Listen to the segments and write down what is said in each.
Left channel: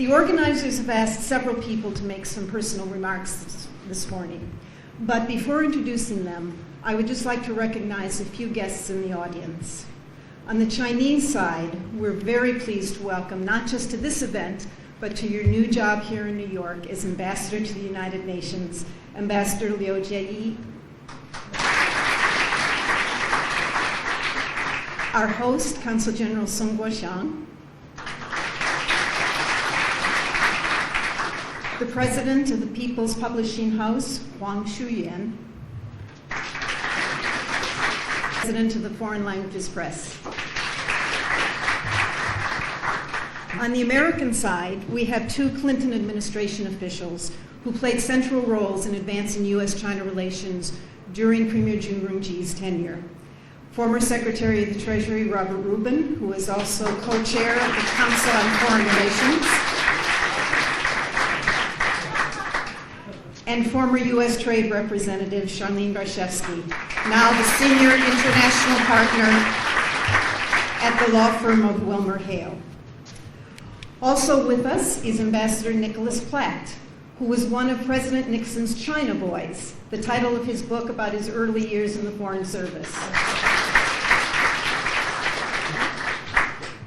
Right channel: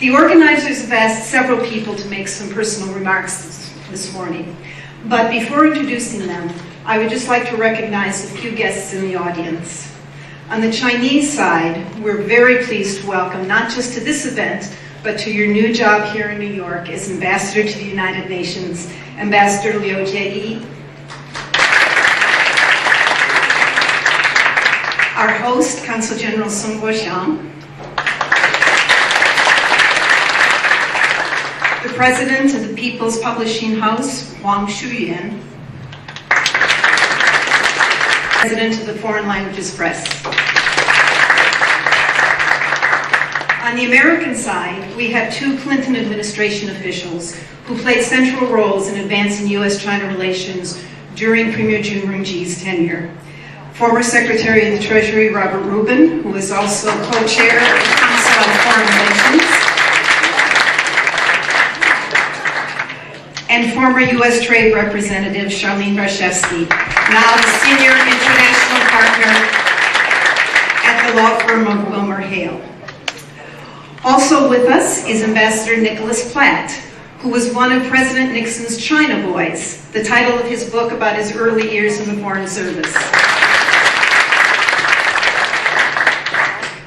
The organizers have asked several people to make some personal remarks this morning. But before introducing them, I would just like to recognize a few guests in the audience. On the Chinese side, we're very pleased to welcome, not just to this event, but to your new job here in New York as Ambassador to the United Nations, Ambassador Liu Jieyi. Our host, Consul General Zhang. The President of the People's Publishing House, Wang Shuyuan. President of the Foreign Languages Press. On the American side, we have two Clinton administration officials who played central roles in advancing U.S.-China relations during Premier Zhu Rongji's tenure. Former Secretary of the Treasury Robert Rubin, who is also co-chair of the Council on Foreign Relations, and former U.S. Trade Representative Charlene Barshevsky, now the Senior International Partner at the law firm of Wilmer Hale. Also with us is Ambassador Nicholas Platt, who was one of President Nixon's China Boys, the title of his book about his early years in the Foreign Service.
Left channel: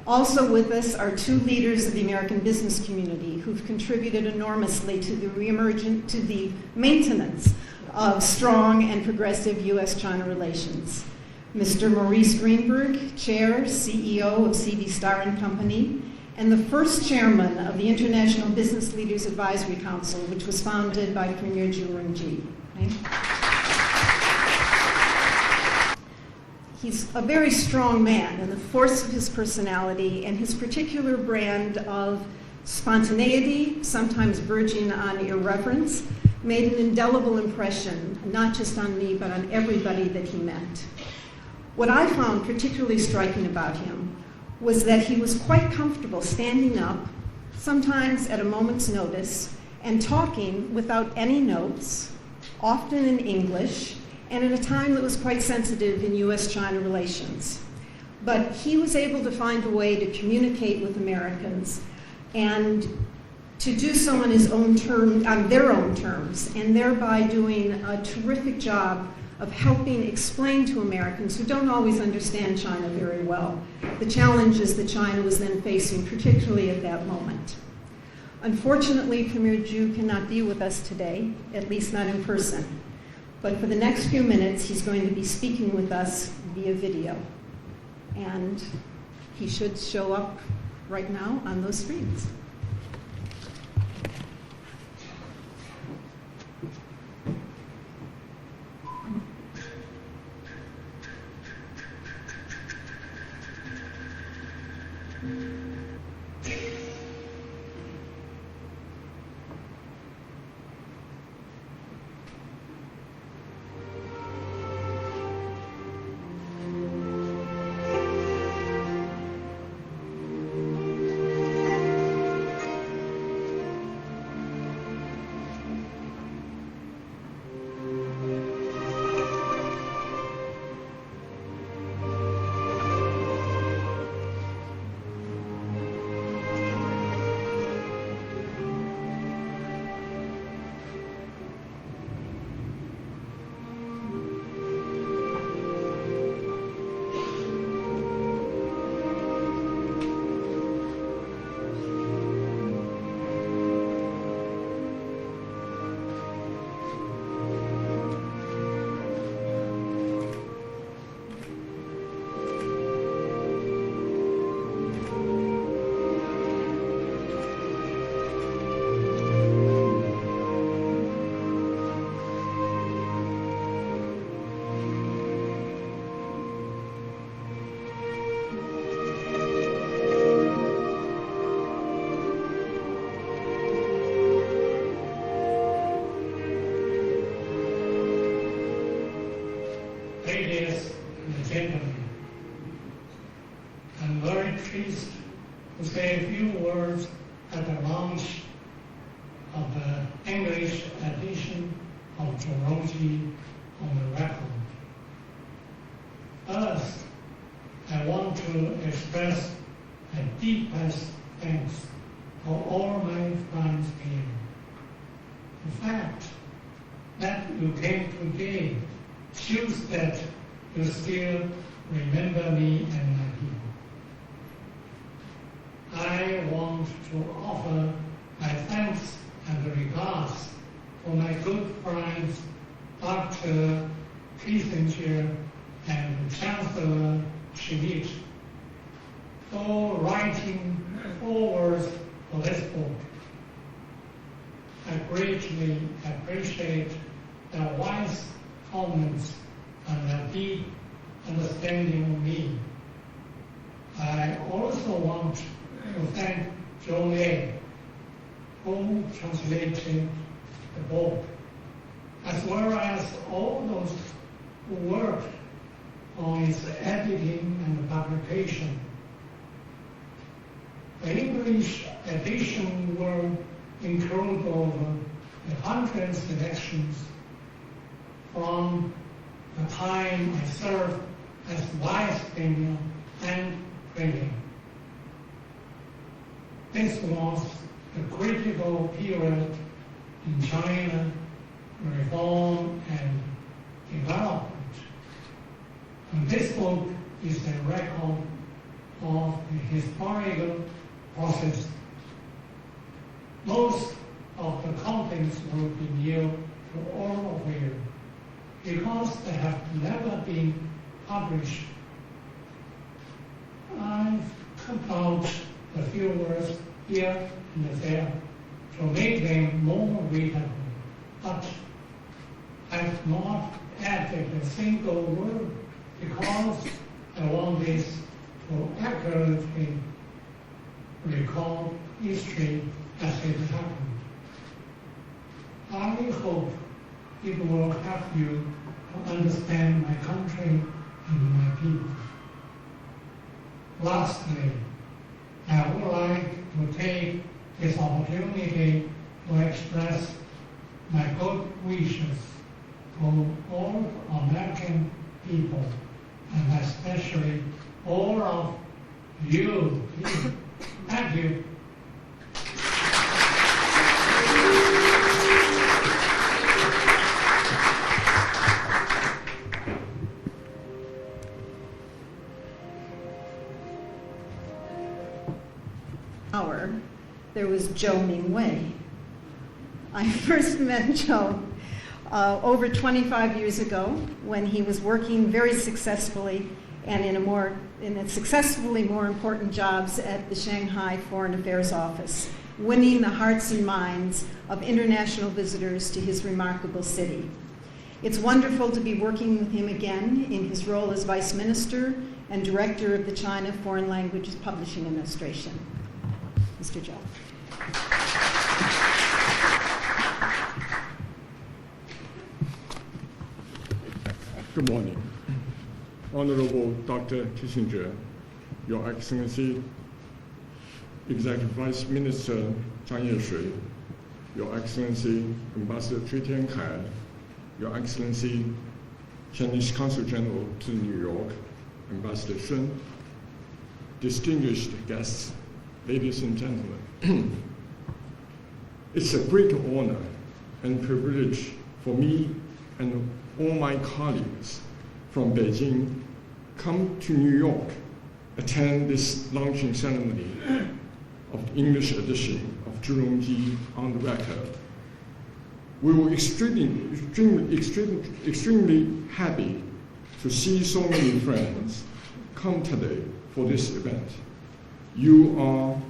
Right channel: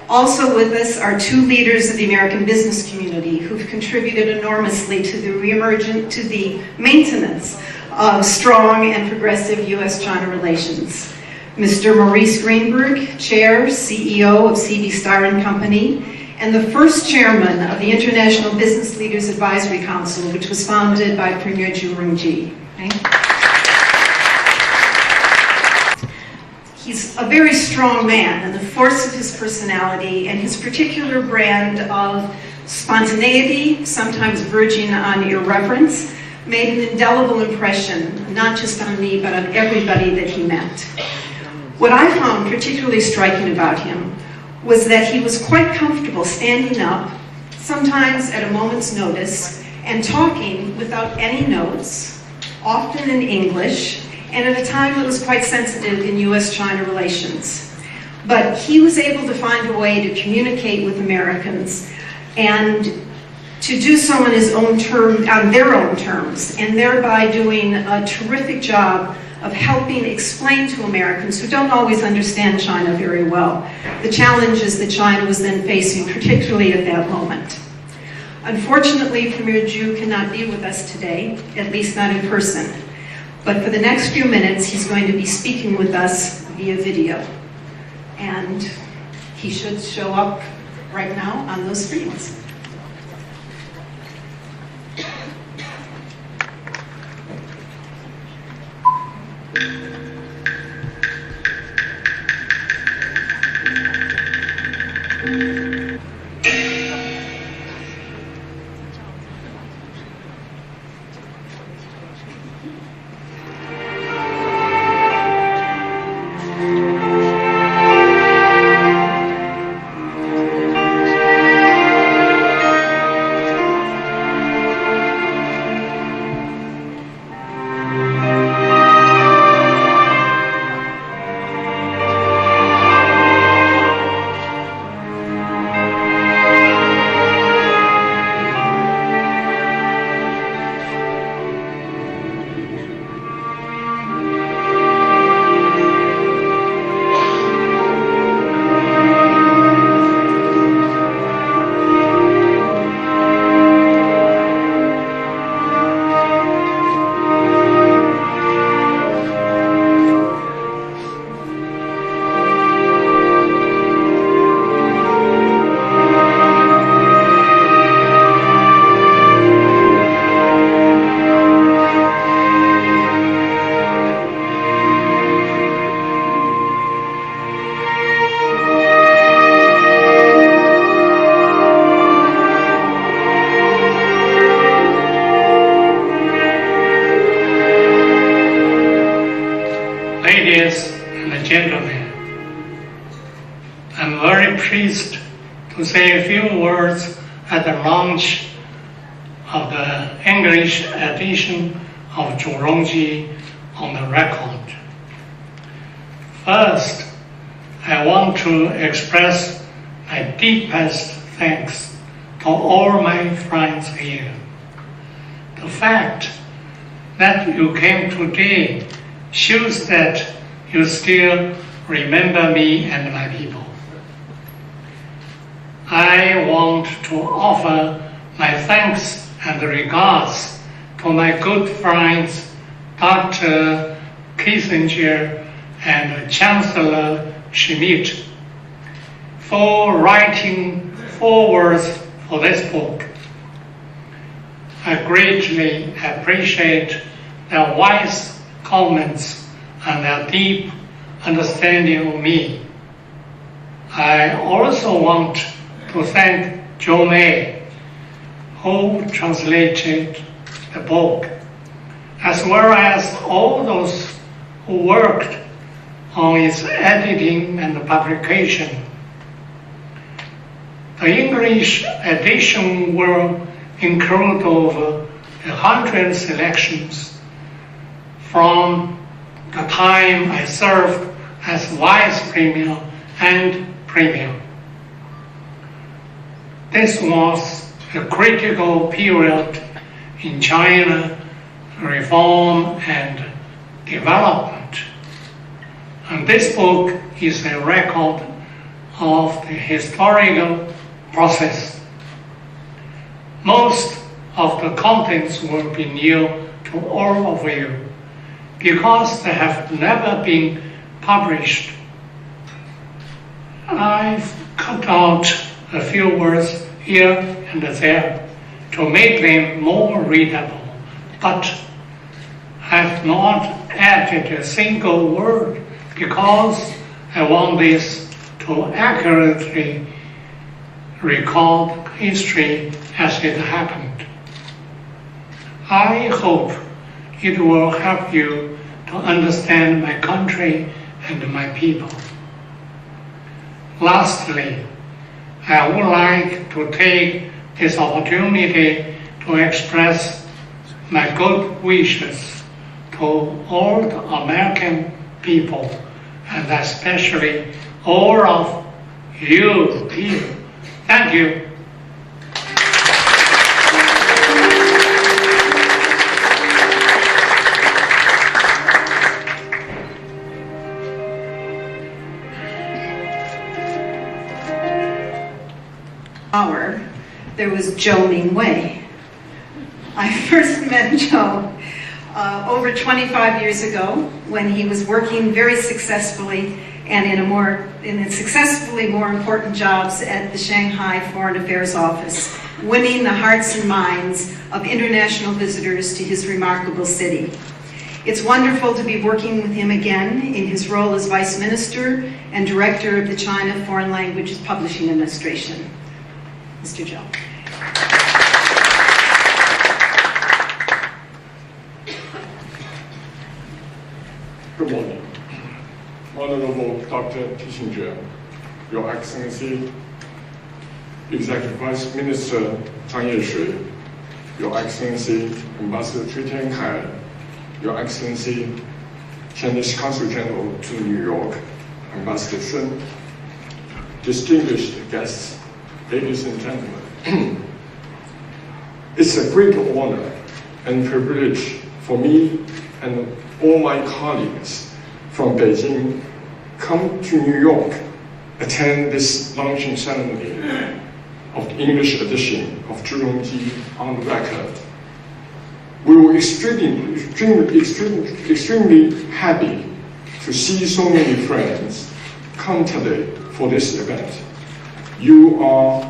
Also with us are two leaders of the American business community who've contributed enormously to the maintenance of strong and progressive U.S.-China relations. Mr. Maurice Greenberg, Chair, CEO of C.B. Starr & Company, and the first chairman of the International Business Leaders Advisory Council, which was founded by Premier Zhu Rongji. He's a very strong man, and the force of his personality and his particular brand of spontaneity, sometimes verging on irreverence, made an indelible impression, not just on me, but on everybody that he met. What I found particularly striking about him was that he was quite comfortable standing up, sometimes at a moment's notice, and talking without any notes, often in English, and at a time that was quite sensitive in U.S.-China relations. But he was able to find a way to communicate with Americans and to do so on his own terms, on their own terms, and thereby doing a terrific job of helping explain to Americans who don't always understand China very well the challenges that China was then facing, particularly at that moment. Unfortunately, Premier Zhu cannot be with us today, at least not in person. But for the next few minutes, he's going to be speaking with us via video. And he should show up right now on those screens. I'm very pleased to say a few words at the launch of the English edition of Zhu Rongji on the record. First, I want to express my deepest thanks to all my friends here. The fact that you came today shows that you still remember me and my people. I want to offer my thanks and regards to my good friends, Dr. Kissinger and Chancellor Schmidt, for writing forewords for this book. I greatly appreciate their wise comments and their deep understanding of me. I also want to thank Zhou, who translated the book, as well as all those who worked on its editing and publication. The English edition will include over 100 selections from the time I served as Vice Premier and Premier. This was a critical period in China reform and development. And this book is a record of the historical process. Most of the contents will be new to all of you because they have never been published. I've cut out a few words here and there to make them more readable, but I've not added a single word because I want this to accurately record history as it happened. I hope it will help you to understand my country and my people. Lastly, I would like to take this opportunity to express my good wishes to all the American people, and especially all of you people. Thank you. There was Zhou Mingwei. I first met Zhou over 25 years ago when he was working very successfully and in successfully more important jobs at the Shanghai Foreign Affairs Office, winning the hearts and minds of international visitors to his remarkable city. It's wonderful to be working with him again in his role as Vice Minister and Director of the China Foreign Languages Publishing Administration. Mr. Zhou. Good morning. Honorable Dr. Kissinger, Your Excellency, Executive Vice Minister Zhang Yesui, Your Excellency Ambassador Cui Tiankai, Your Excellency Chinese Consul General to New York, Ambassador Zhang, distinguished guests, ladies and gentlemen. It's a great honor and privilege for me and all my colleagues from Beijing come to New York, attend this launching ceremony of the English edition of Zhu Rongji on the record. We were extremely happy to see so many friends come today for this event. You all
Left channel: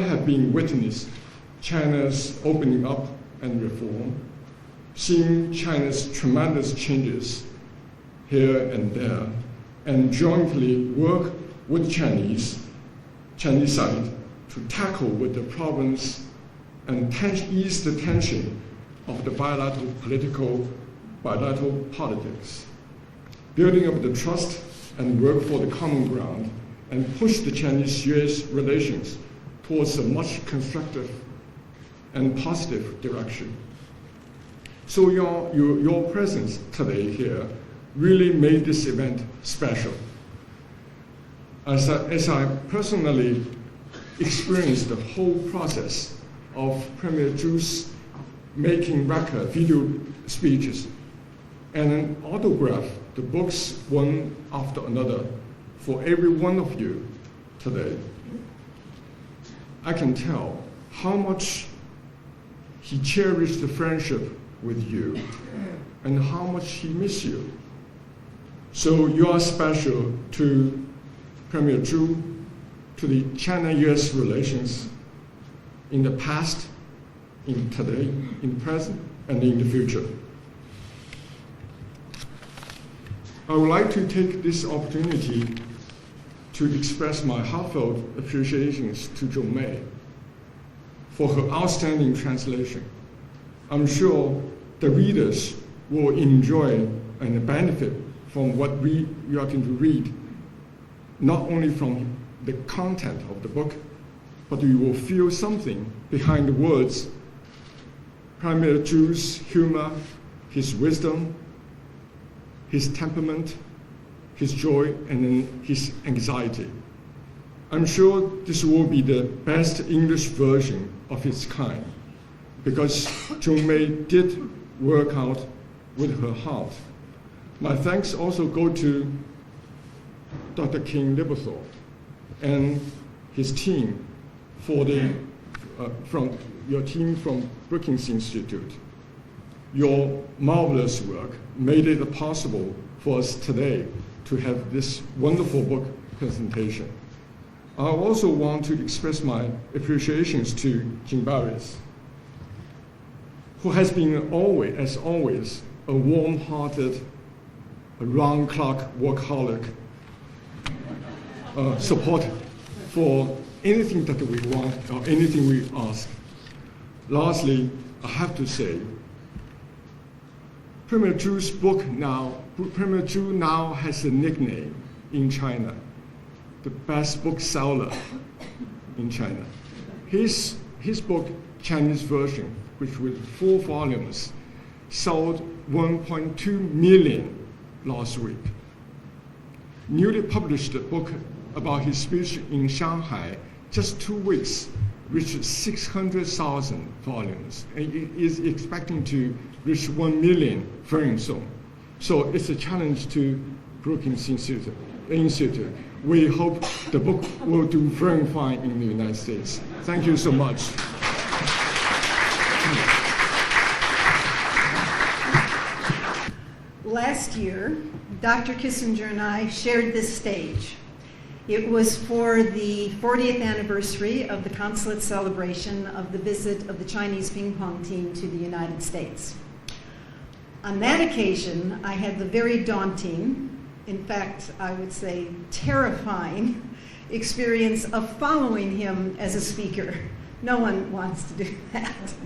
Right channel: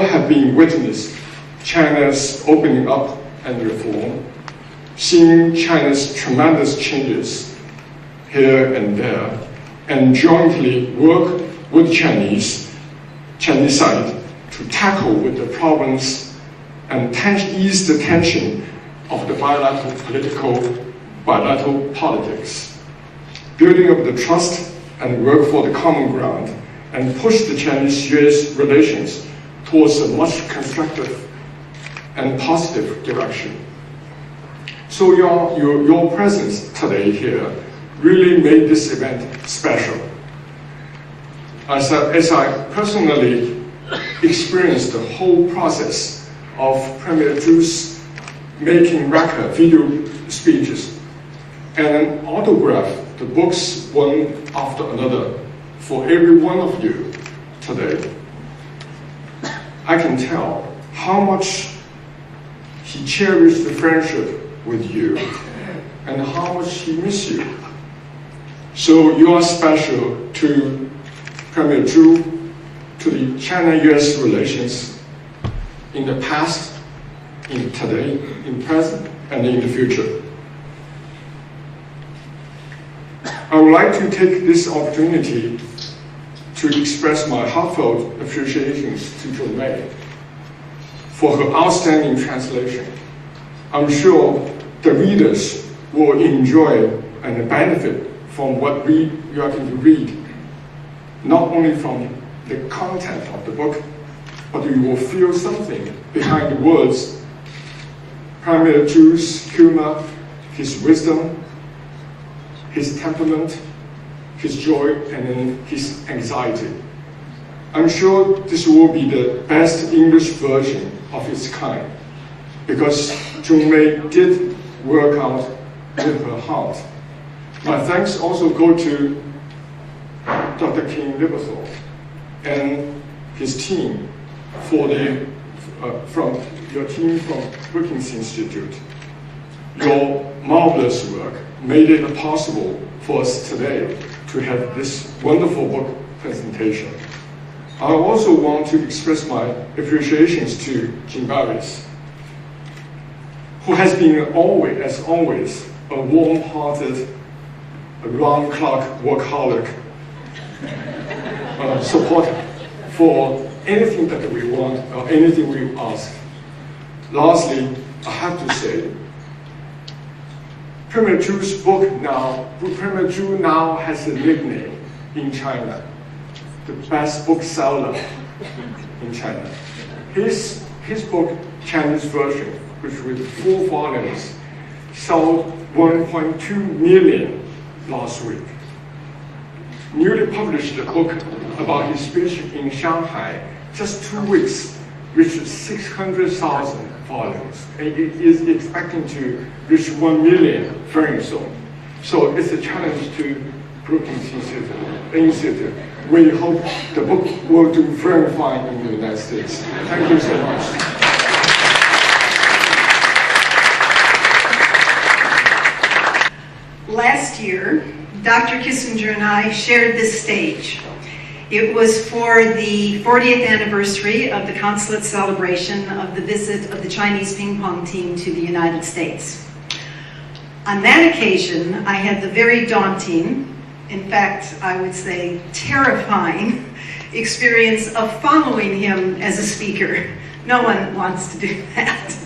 have been witness China's opening up and reform, seeing China's tremendous changes here and there, and jointly work with Chinese side to tackle with the problems and ease the tension of the bilateral politics, building up the trust and work for the common ground, and push the Chinese-US relations towards a much constructive and positive direction. So your presence today here really made this event special. As I personally experienced the whole process of Premier Zhu's making record video speeches and autograph the books one after another for every one of you today. I can tell how much he cherished the friendship with you and how much he misses you. So you are special to Premier Zhu, to the China-US relations in the past, in today, in present, and in the future. I would like to take this opportunity to express my heartfelt appreciations to Zhou for her outstanding translation. I'm sure the readers will enjoy and benefit from what we are going to read, not only from the content of the book, but you will feel something behind the words. Premier Zhu's humor, his wisdom, his temperament, his joy, and then his anxiety. I'm sure this will be the best English version of its kind, because Zhou did work out with her heart. My thanks also go to Dr. Kenneth Lieberthal and his team from your team from Brookings Institute. Your marvelous work made it possible for us today to have this wonderful book presentation. I also want to express my appreciations to Berris, who has been always, as always, a warm-hearted, round-clock workaholic supporter for anything that we want or anything we ask. Lastly, I have to say, Premier Zhu's book now, Premier Zhu now has a nickname in China, the best bookseller in China. His book, Chinese version, which with 4 volumes, sold 1.2 million last week. Newly published book about his speech in Shanghai, just 2 weeks, reached 600,000 volumes, and it is expecting to reach 1 million very soon. So it's a challenge to Brookings Institute. We hope the book will do very fine in the United States. Thank you so much. Last year, Dr. Kissinger and I shared this stage. It was for the 40th anniversary of the Consulate celebration of the visit of the Chinese ping pong team to the United States. On that occasion, I had the very daunting, in fact, I would say terrifying, experience of following him as a speaker. No one wants to do that.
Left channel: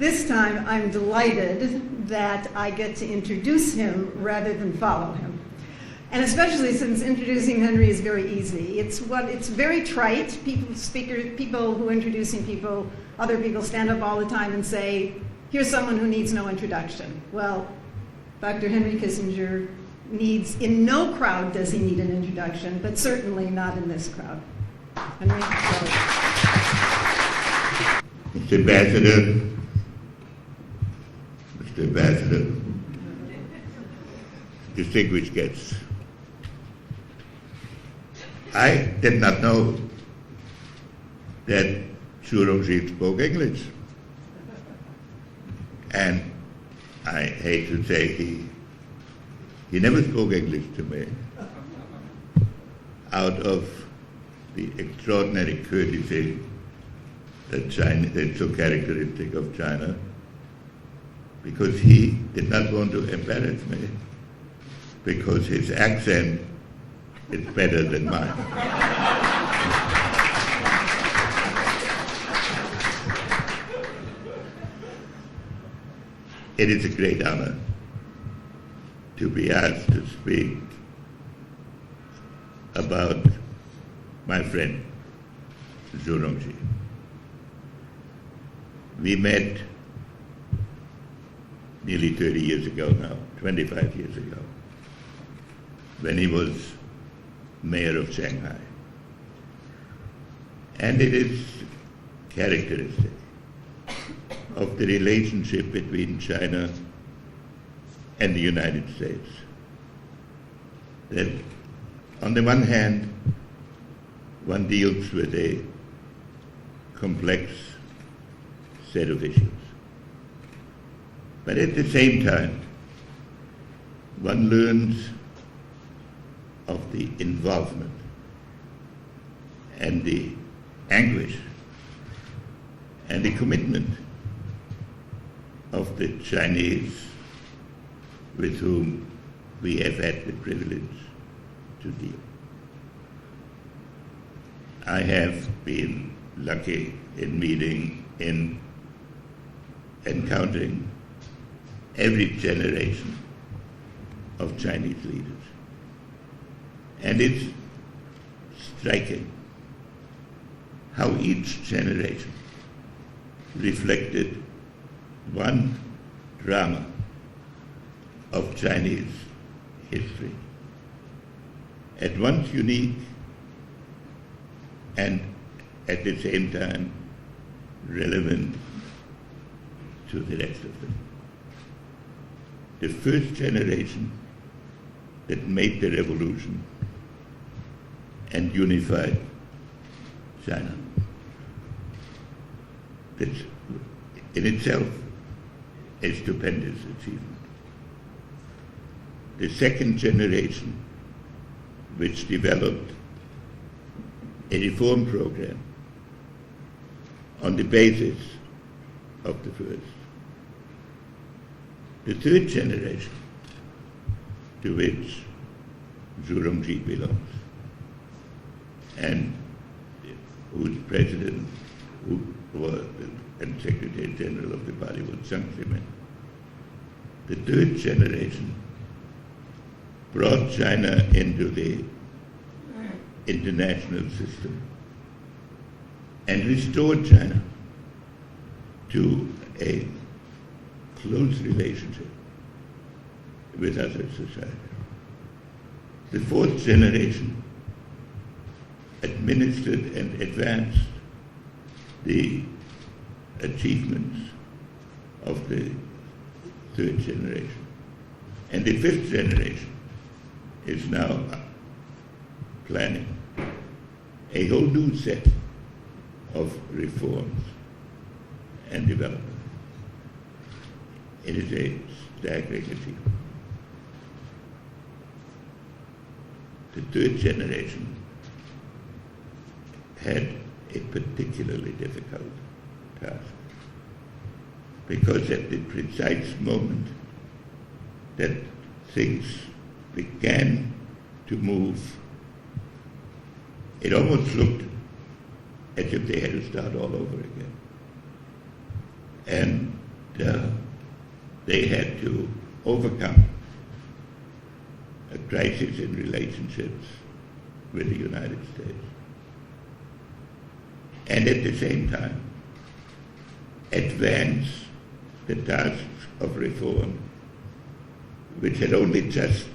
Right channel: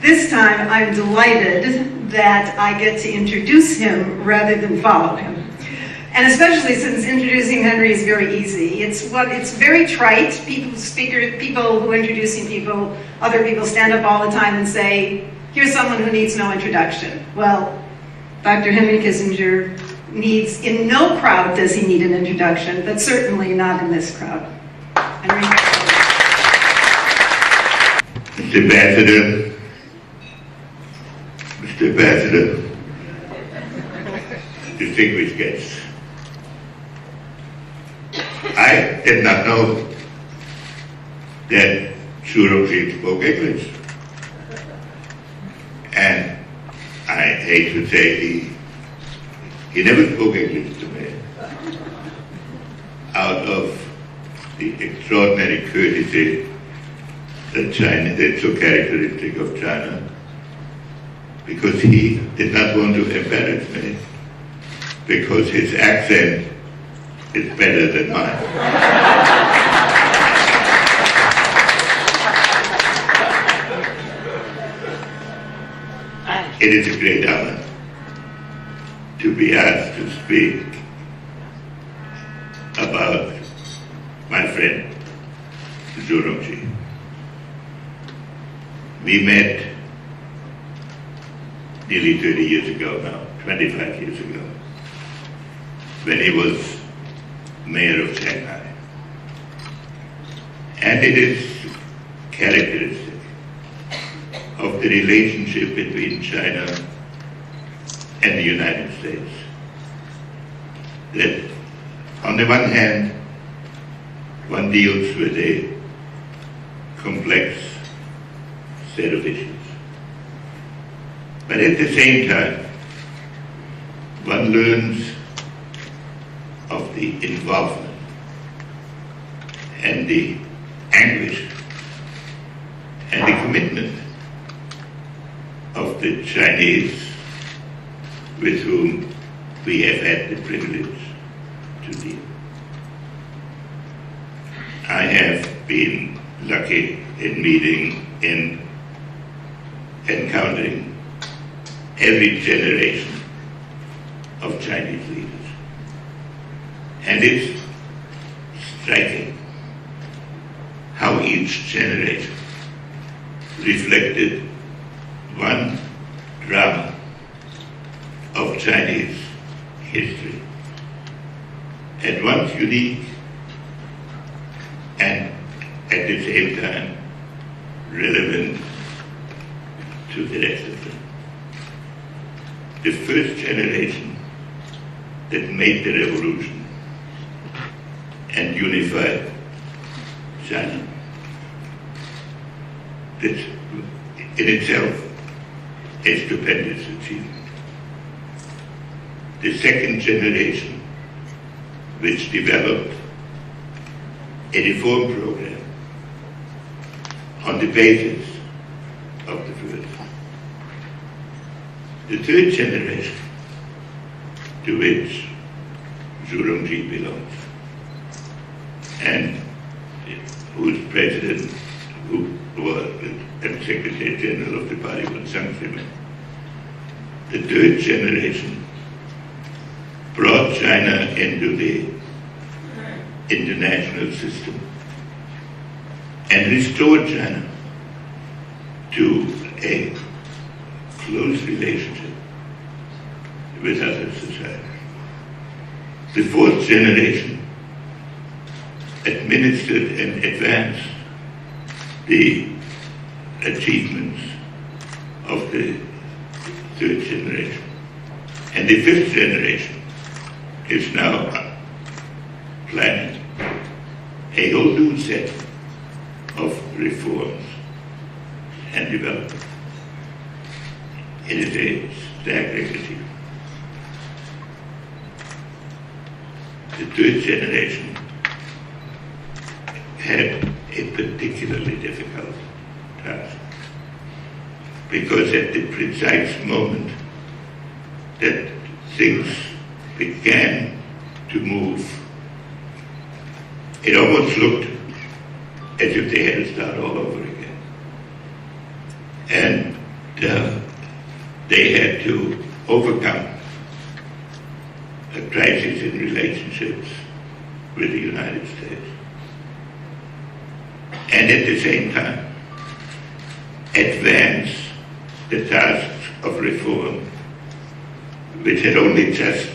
This time, I'm delighted that I get to introduce him rather than follow him. And especially since introducing Henry is very easy. It's very trite. People who are introducing people, other people stand up all the time and say, here's someone who needs no introduction. Well, Dr. Henry Kissinger needs, in no crowd does he need an introduction, but certainly not in this crowd. Henry. Mr. Ambassador, distinguished guests, I did not know that Zhu Rongji spoke English. And I hate to say he never spoke English to me. Out of the extraordinary courtesy that's so characteristic of China, because he did not want to embarrass me, because his accent is better than mine. It is a great honor to be asked to speak about my friend, Zhu Rongji. We met nearly 30 years ago now, 25 years ago, when he was mayor of Shanghai. And it is characteristic of the relationship between China and the United States that on the one hand, one deals with a complex set of issues. But at the same time, one learns of the involvement and the anguish and the commitment of the Chinese with whom we have had the privilege to deal. I have been lucky in meeting, in encountering every generation of Chinese leaders. And it's striking how each generation reflected one drama of Chinese history, at once unique and at the same time relevant to the rest of them. The first generation that made the revolution and unified China. That's in itself a stupendous achievement. The second generation, which developed a reform program on the basis of the first. The third generation, to which Zhu Rongji belongs, and whose president, who was and Secretary General of the party was Zhang. The third generation brought China into the international system and restored China to a close relationship with other societies. The fourth generation administered and advanced the achievements of the third generation. And the fifth generation is now planning a whole new set of reforms and development. It is a staggering achievement. The third generation had a particularly difficult task because at the precise moment that things began to move, it almost looked as if they had to start all over again. And they had to overcome a crisis in relationships with the United States. And at the same time, advance the tasks of reform, which had only just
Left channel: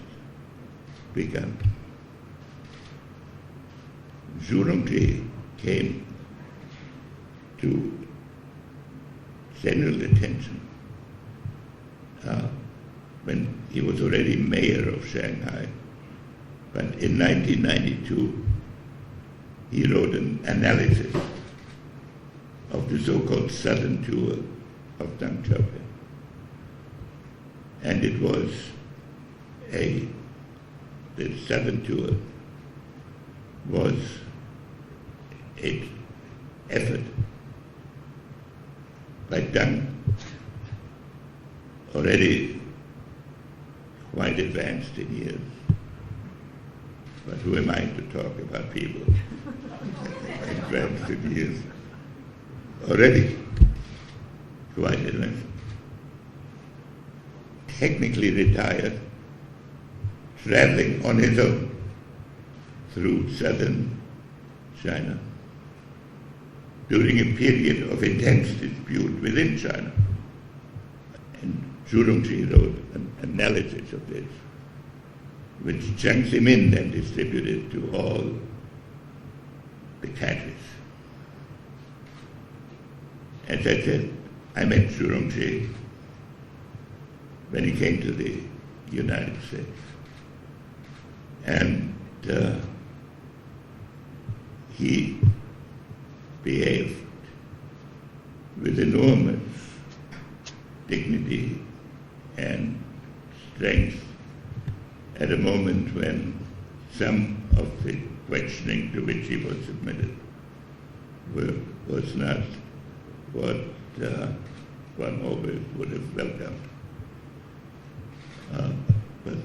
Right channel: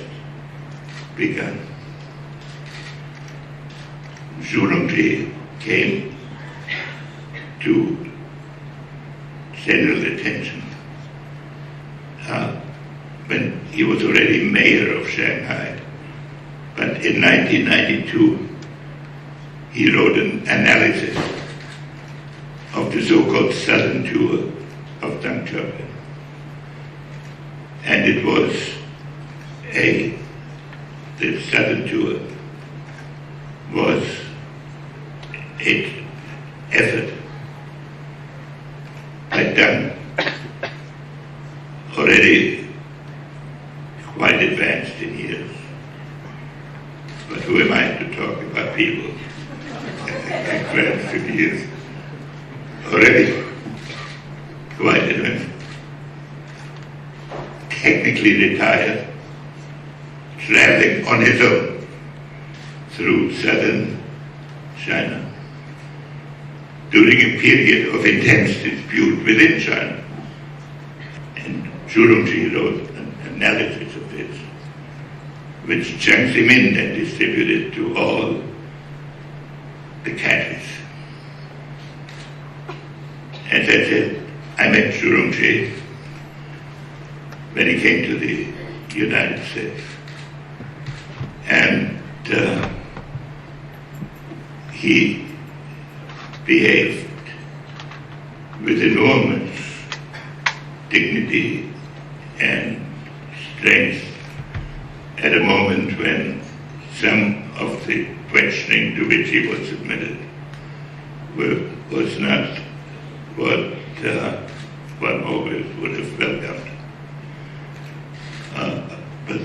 begun. Zhu Rongji came to general attention when he was already mayor of Shanghai. But in 1992, he wrote an analysis of the so-called Southern Tour of Deng Xiaoping. And it was the Southern Tour was an effort by Zhang, already quite advanced in years. But who am I to talk about people advanced in years? Already quite advanced. Technically retired, traveling on his own through southern China during a period of intense dispute within China. And Zhu Rongji wrote an analysis of this, which Jiang Zemin had distributed to all the cadres. when he came to the United States. And he behaved with enormous dignity and strength at a moment when some of the questioning to which he was submitted was not what one always would have welcomed. But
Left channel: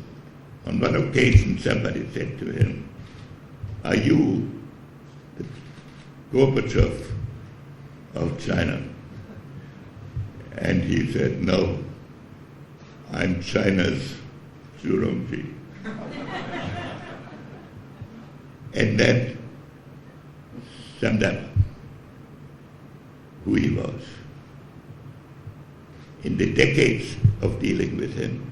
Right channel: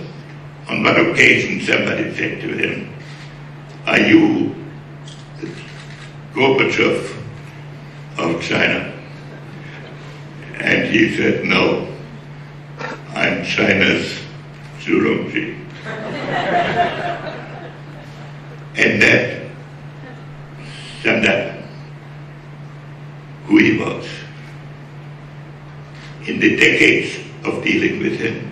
on one occasion somebody said to him, "Are you the Gorbachev of China?" And he said, "No, I'm China's Zhu Rongji." And that summed up who he was. In the decades of dealing with him,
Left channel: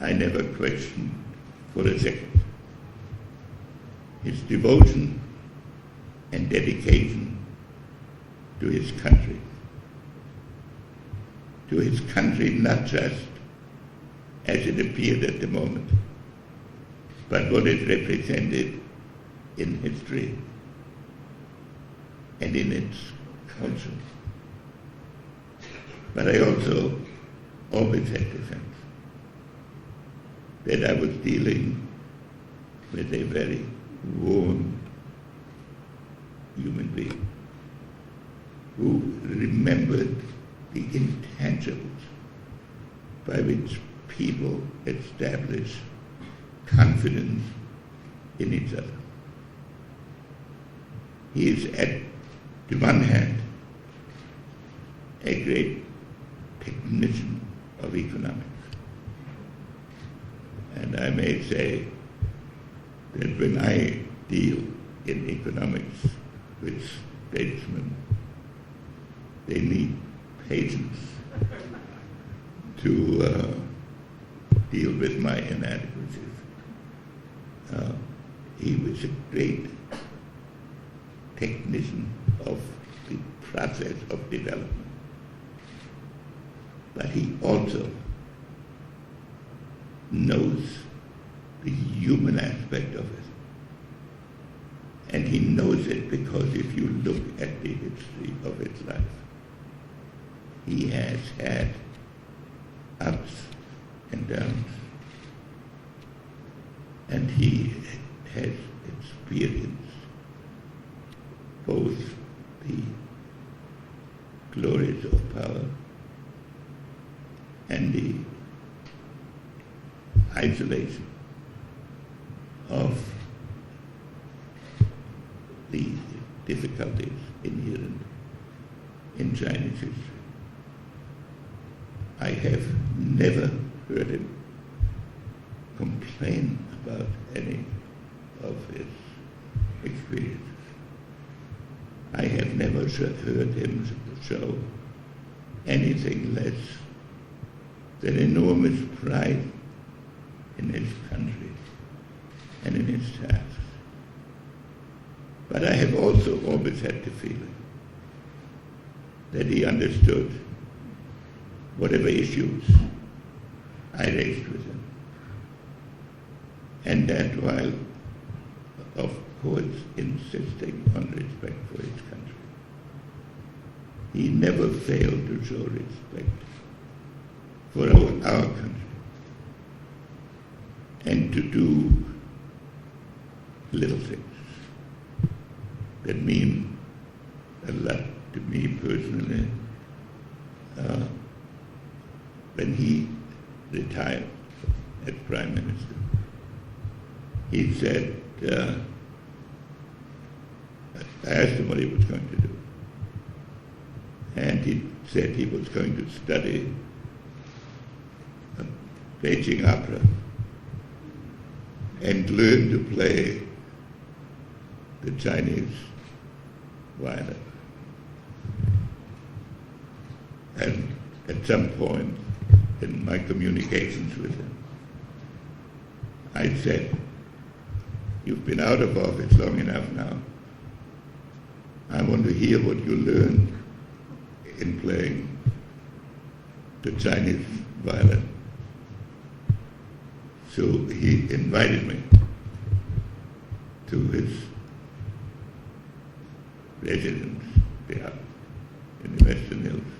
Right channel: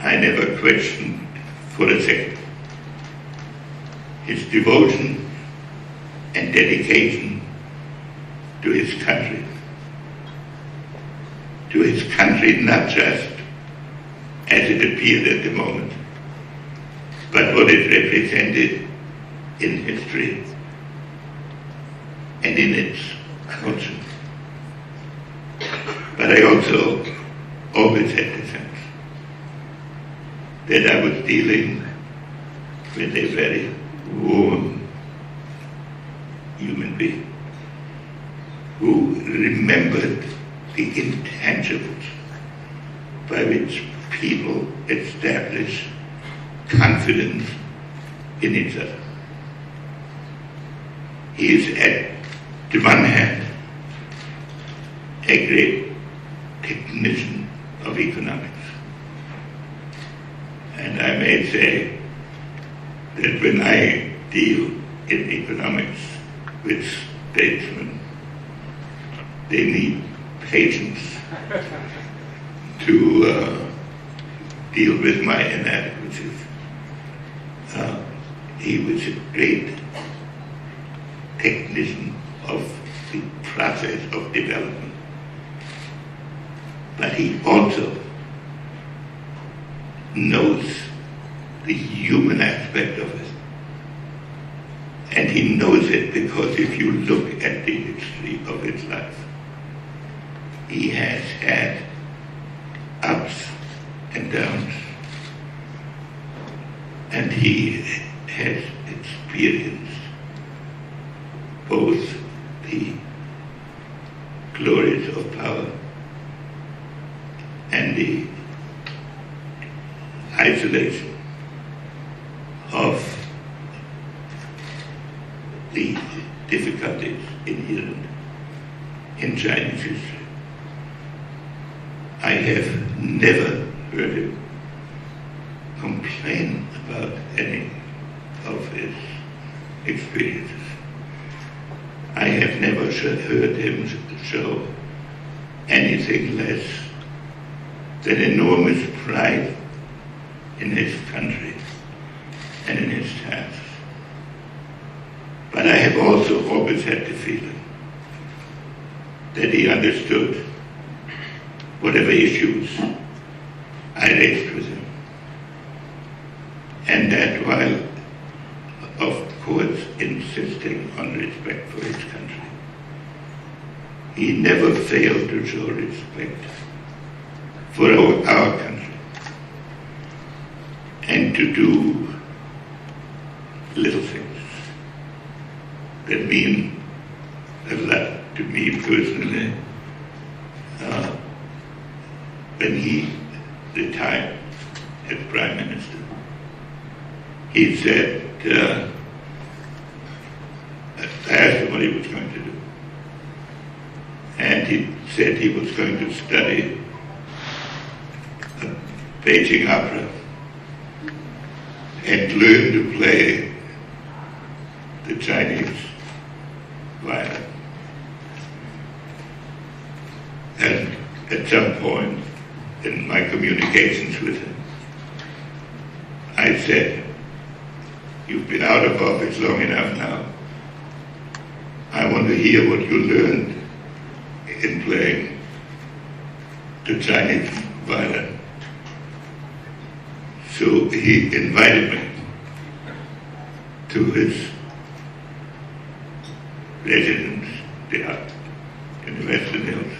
I never questioned for a second his devotion and dedication to his country. To his country, not just as it appeared at the moment, but what it represented in history and in its culture. But I also always had the sense that I was dealing with a very warm human being who remembered the intangibles by which people establish confidence in each other. He is at the one hand a great technician of economics. And I may say that when I deal in economics with statesmen, they need patience to deal with my inadequacies. He was a great technician of the process of development. But he also knows the human aspect of it. And he knows it because if you look at the history of his life, he has had ups and downs. And he has experienced both the glories of power and the isolation of the difficulties inherent in Chinese history. I have never heard him complain about any of his experiences. I have never heard him show anything less than enormous pride in his country and in his tasks. But I have also always had the feeling that he understood whatever issues I raised with him. And that while, of course, insisting on respect for his country, he never failed to show respect for our country and to do little things that mean a lot to me personally. When he retired as Prime Minister, he said, I asked him what he was going to do. And he said he was going to study Beijing opera and learn to play the Chinese violin. And at some point in my communications with him, I said, "You've been out of office long enough now. I want to hear what you learned in playing the Chinese violent. So he invited me to his residence there in the Western Hills.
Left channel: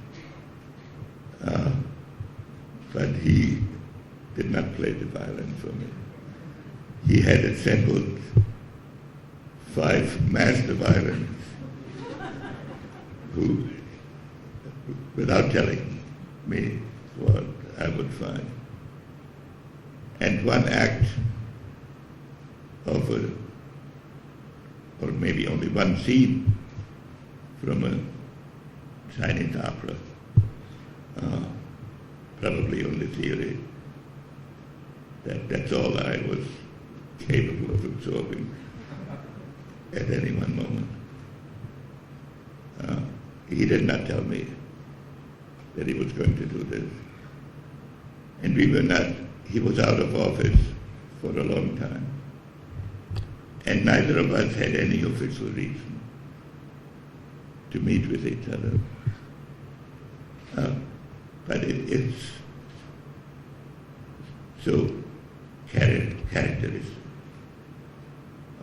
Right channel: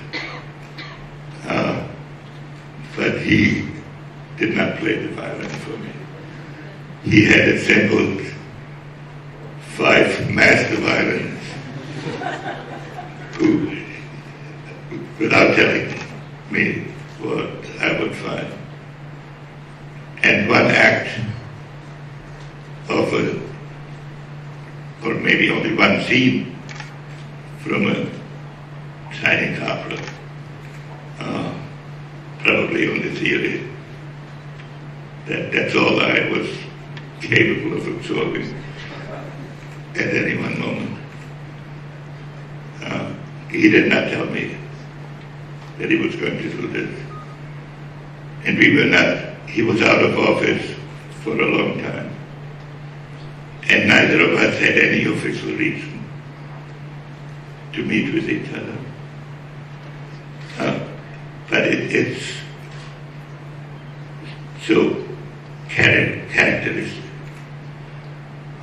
But he did not play the violin for me. He had assembled 5 master violinists who, without telling me what I would find, and one act of or maybe only one scene from a Chinese opera, probably on the theory. That's all I was capable of absorbing at any one moment. He did not tell me that he was going to do this. And he was out of office for a long time. And neither of us had any official reason to meet with each other. But it's so characteristic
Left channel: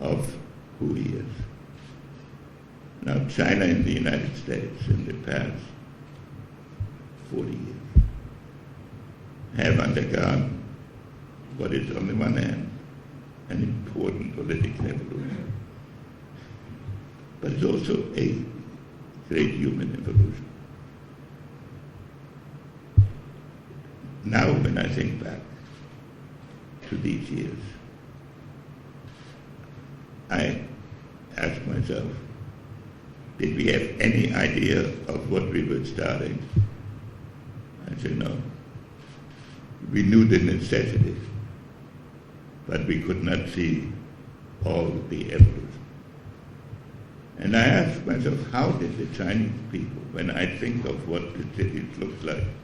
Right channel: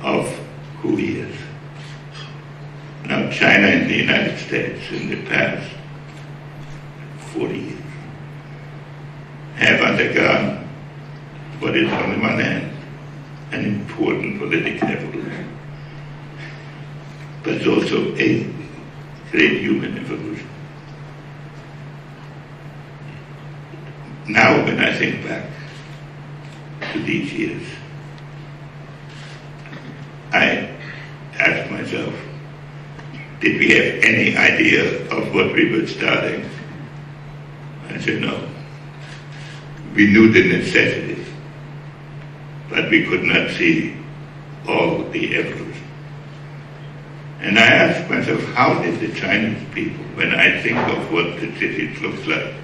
of who he is. Now, China and the United States in the past 40 years have undergone what is on the one hand an important political evolution, but it's also a great human evolution. Now, when I think back to these years, I ask myself, did we have any idea of what we were starting? I said, no. We knew the necessity, but we could not see all the evolution. And I asked myself, how did the Chinese people, when I think of what the city looks like,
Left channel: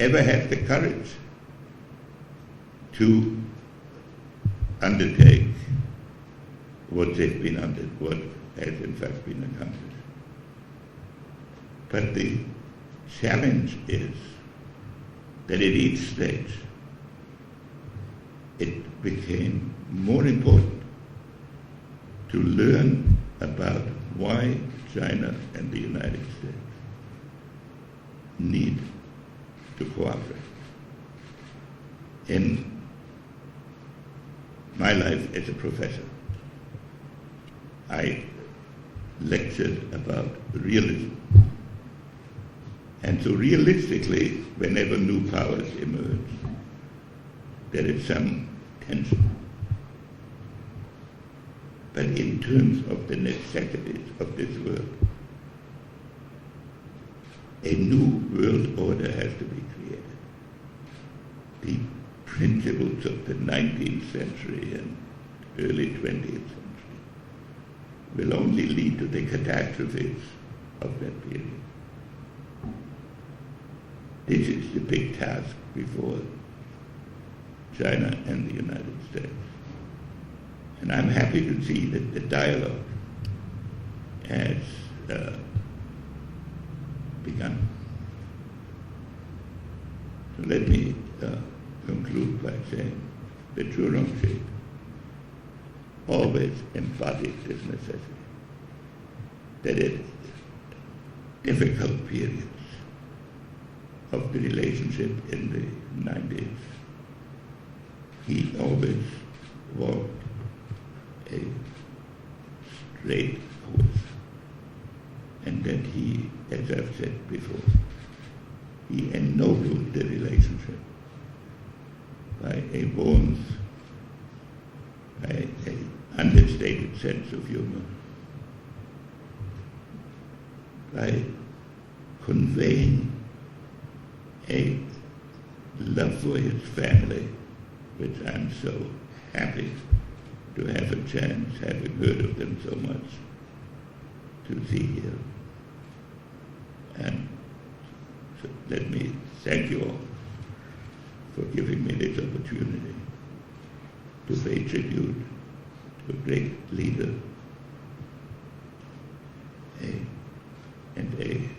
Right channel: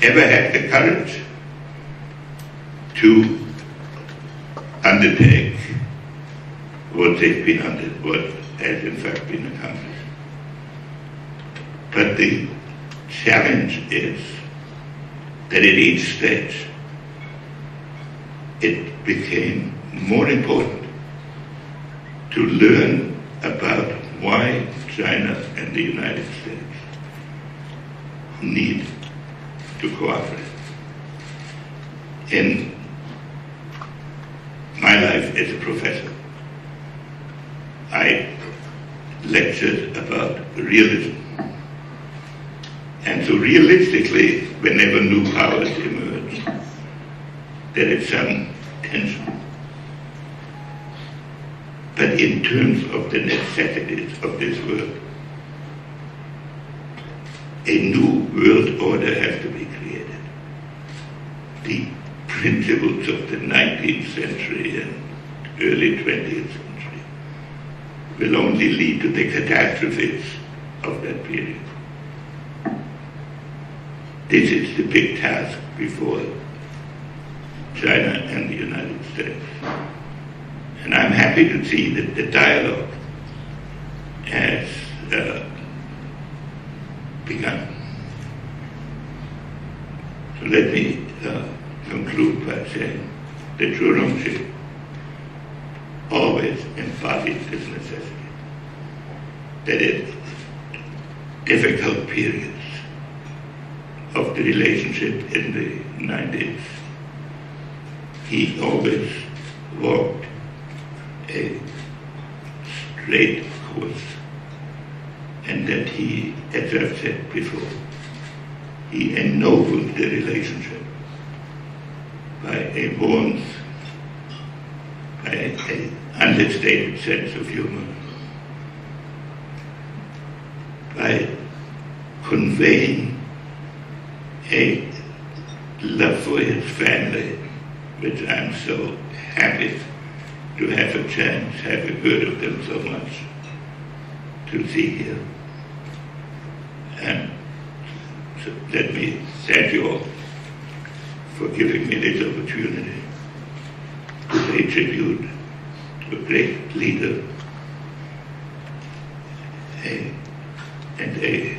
ever have the courage to undertake what has in fact been accomplished? But the challenge is that at each stage it became more important to learn about why China and the United States need to cooperate. In my life as a professor, I lectured about realism. And so realistically, whenever new powers emerge, there is some tension. But in terms of the necessities of this world, a new world order has to be created. The principles of the 19th century and early 20th century will only lead to the catastrophes of that period. This is the big task before China and the United States. And I'm happy to see that the dialogue has begun. So let me conclude by saying that Zhu Rongji always embodies this necessity, that in difficult periods of the relationship in the 90s, he always walked a straight course, and that he, as I've said before, he ennobled the relationship by a warmth, by an understated sense of humor, by conveying a love for his family, which I'm so happy to have a chance, having heard of them so much, to see here. And so let me thank you all for giving me this opportunity to pay tribute to a great leader and a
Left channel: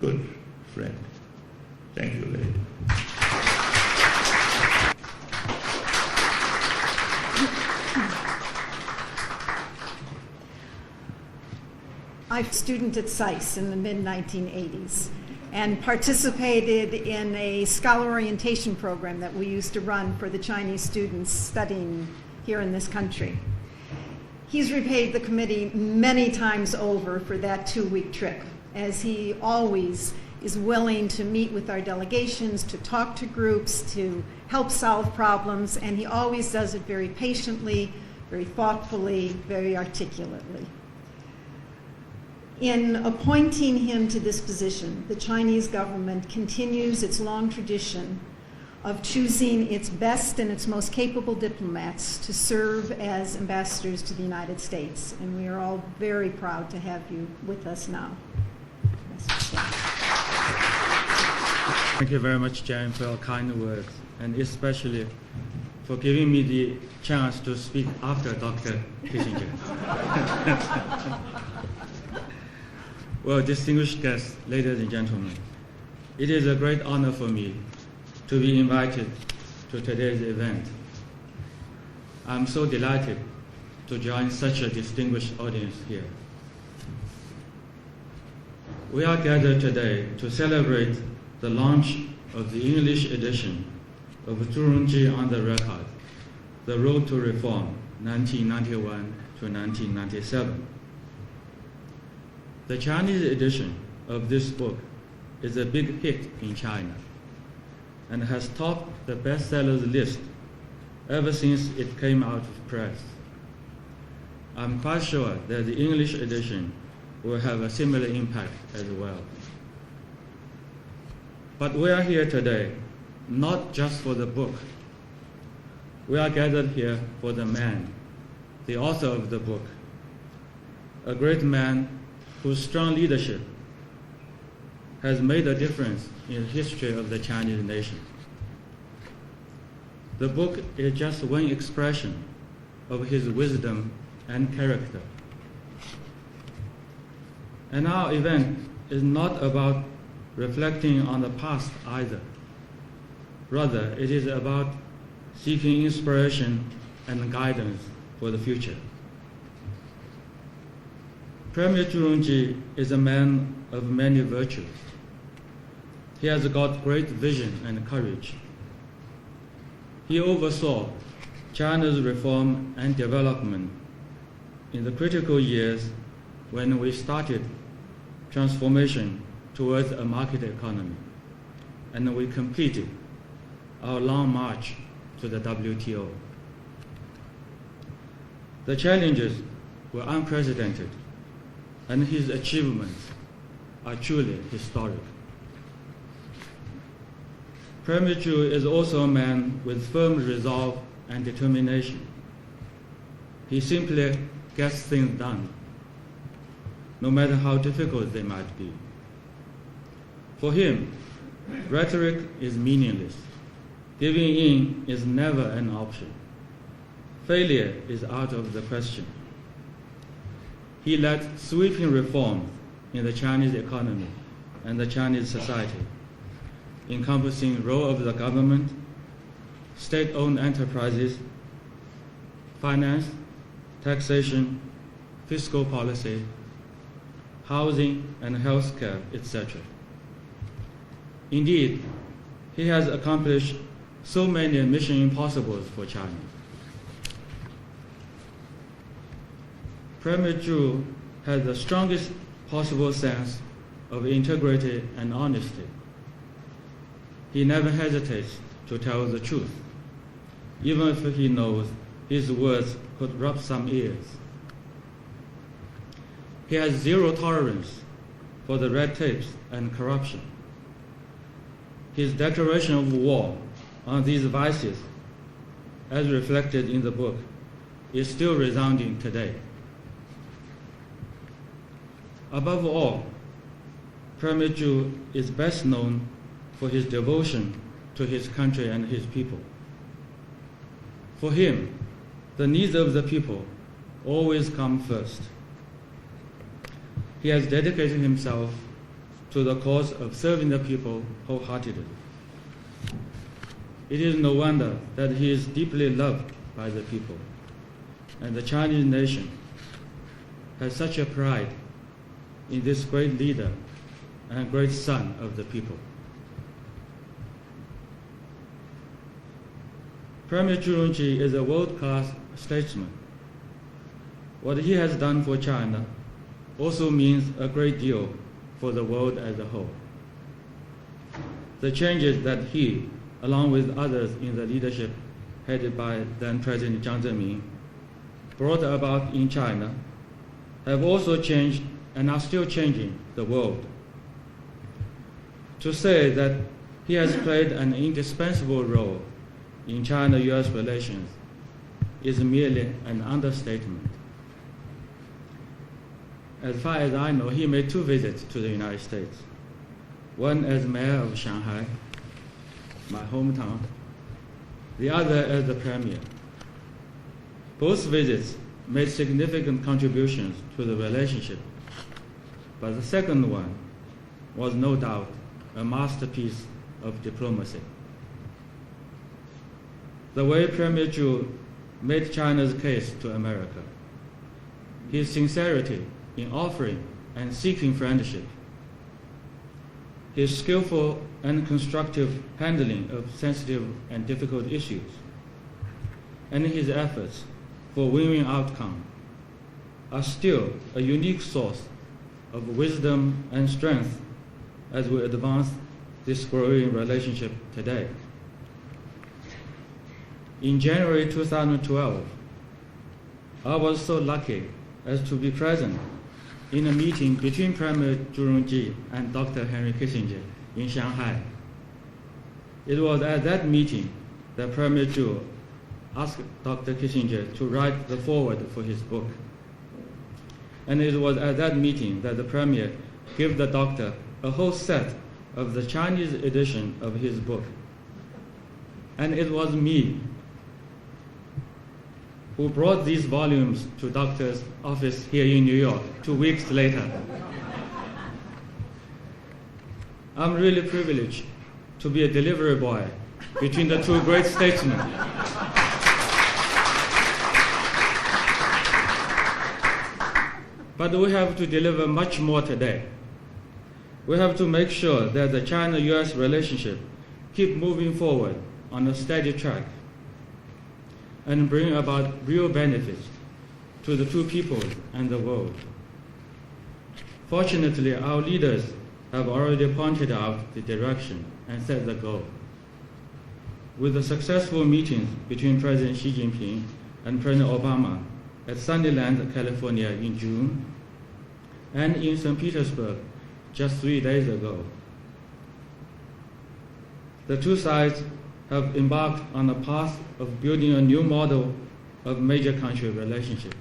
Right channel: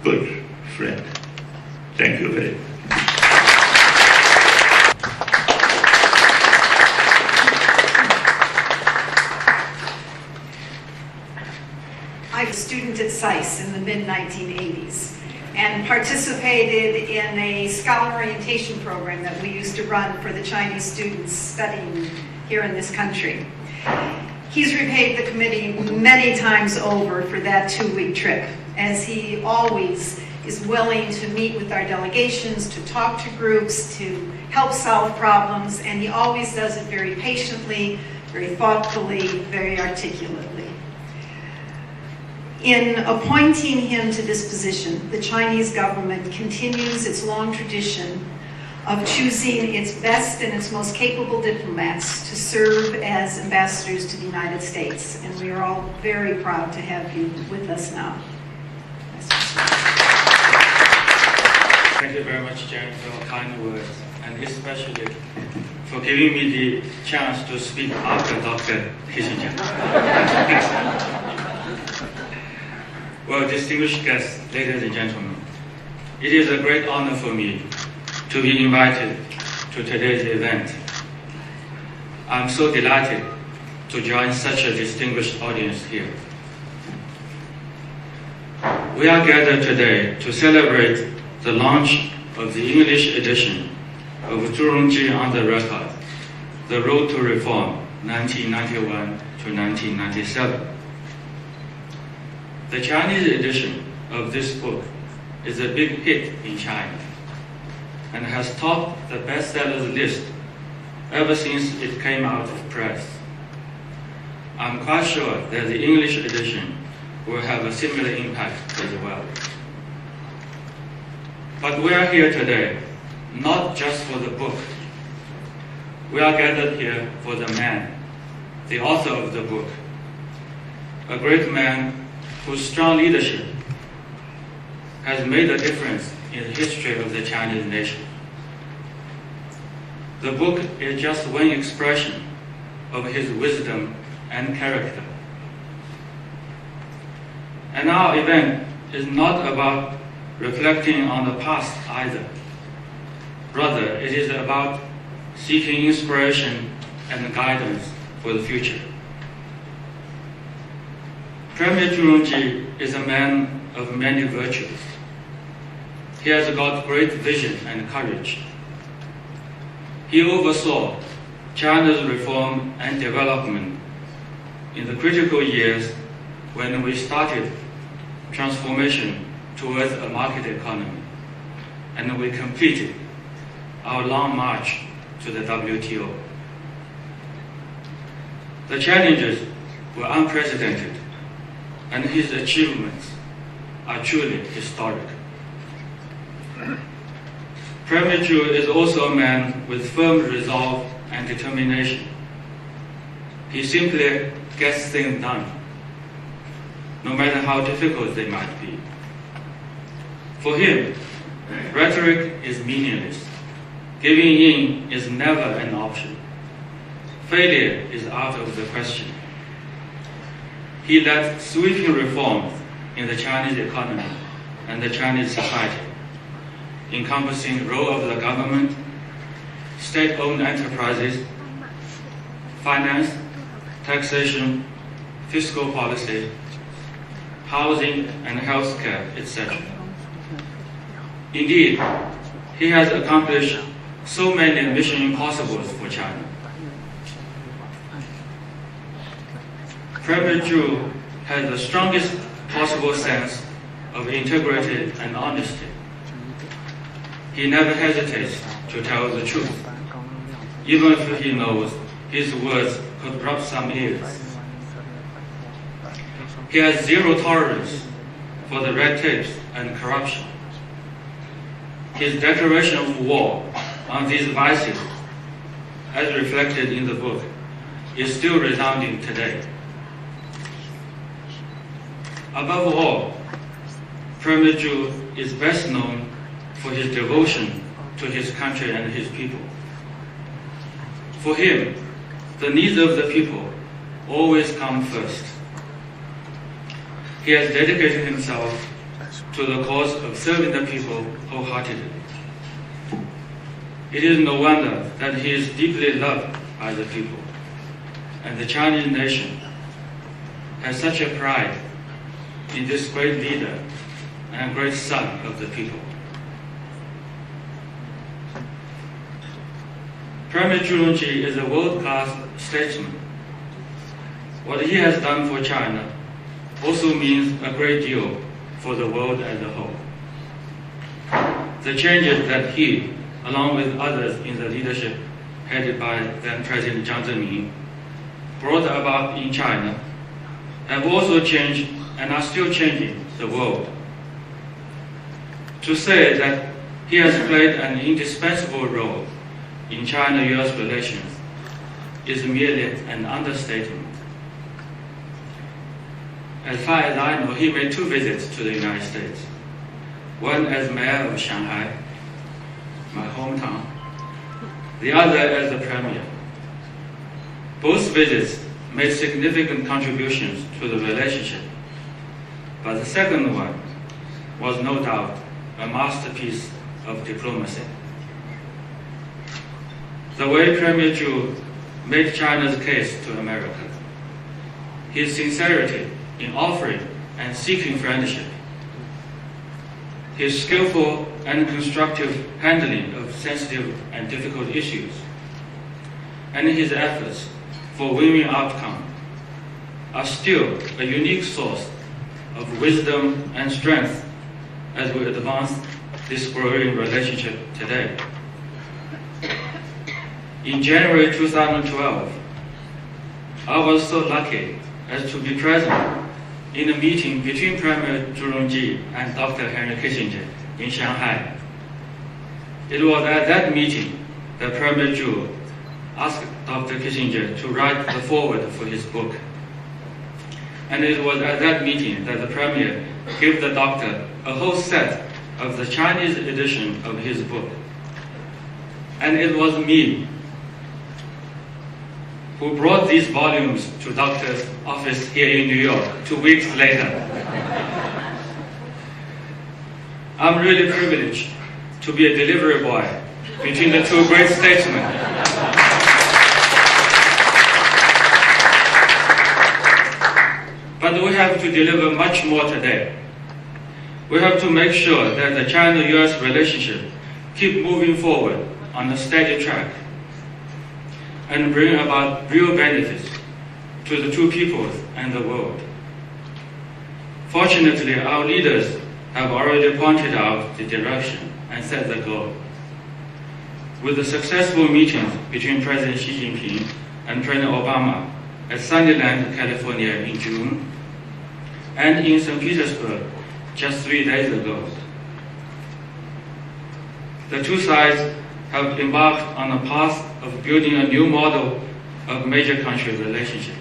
good friend. Thank you very much. a student at SAIS in the mid-1980s and participated in a scholar orientation program that we used to run for the Chinese students studying here in this country. He's repaid the committee many times over for that 2-week trip, as he always is willing to meet with our delegations, to talk to groups, to help solve problems, and he always does it very patiently, very thoughtfully, very articulately. In appointing him to this position, the Chinese government continues its long tradition of choosing its best and its most capable diplomats to serve as ambassadors to the United States, and we are all very proud to have you with us now. Thank you very much, Jan, for your kind words, and especially for giving me the chance to speak after Dr. Tiankai. Well, distinguished guests, ladies and gentlemen, it is a great honor for me to be invited to today's event. I'm so delighted to join such a distinguished audience here. We are gathered today to celebrate the launch of the English edition of Zhu Rongji on the Record, The Road to Reform, 1991 to 1997. The Chinese edition of this book is a big hit in China and has topped the bestsellers list ever since it came out of press. I'm quite sure that the English edition will have a similar impact as well. But we are here today not just for the book. We are gathered here for the man, the author of the book, a great man whose strong leadership has made a difference in the history of the Chinese nation. The book is just one expression of his wisdom and character. And our event is not about reflecting on the past either. Rather, it is about seeking inspiration and guidance for the future. Premier Zhu Rongji is a man of many virtues. He has got great vision and courage. He oversaw China's reform and development in the critical years when we started transformation towards a market economy, and we completed our long march to the WTO. The challenges were unprecedented, and his achievements are truly historic. Premier Zhu is also a man with firm resolve and determination. He simply gets things done, no matter how difficult they might be. For him, rhetoric is meaningless. Giving in is never an option. Failure is out of the question. He led sweeping reforms in the Chinese economy and the Chinese society, encompassing the role of the government, state-owned enterprises, finance, taxation, fiscal policy, housing and healthcare, etc. Indeed, he has accomplished so many mission impossibles for China. Premier Zhu has the strongest possible sense of integrity and honesty. He never hesitates to tell the truth, even if he knows his words could rub some ears. He has zero tolerance for the red tapes and corruption. His declaration of war on these vices, as reflected in the book, is still resounding today. Above all, Premier Zhu is best known for his devotion to his country and his people. For him, the needs of the people always come first. He has dedicated himself to the cause of serving the people wholeheartedly. It is no wonder that he is deeply loved by the people, and the Chinese nation has such a pride in this great leader and great son of the people. Premier Zhu Rongji is a world-class statesman. What he has done for China also means a great deal for the world as a whole. The changes that he, along with others in the leadership headed by then President Jiang Zemin, brought about in China have also changed and are still changing the world. To say that he has played an indispensable role in China-US relations is merely an understatement. As far as I know, he made 2 visits to the United States, one as mayor of Shanghai, my hometown, the other as the premier. Both visits made significant contributions to the relationship, but the second one was no doubt a masterpiece of diplomacy. The way Premier Zhu made China's case to America, his sincerity in offering and seeking friendship, his skillful and constructive handling of sensitive and difficult issues, and his efforts for win-win outcome are still a unique source of wisdom and strength as we advance this growing relationship today. In January 2012, I was so lucky as to be present in a meeting between Premier Zhu Rongji and Dr. Henry Kissinger in Shanghai. It was at that meeting that Premier Zhu asked Dr. Kissinger to write the foreword for his book. And it was at that meeting that the Premier gave the doctor a whole set of the Chinese edition of his book. And it was me who brought these volumes to Doctor's office here in New York 2 weeks later. I'm really privileged to be a delivery boy between the 2 great statesmen. But we have to deliver much more today. We have to make sure that the China-US relationship keep moving forward on a steady track and bring about real benefits to the 2 peoples and the world. Fortunately, our leaders have already pointed out the direction and set the goal. With the successful meetings between President Xi Jinping and President Obama at Sunnyland, California in June, and in St. Petersburg just 3 days ago, the 2 sides have embarked on a path of building a new model of major country relationship.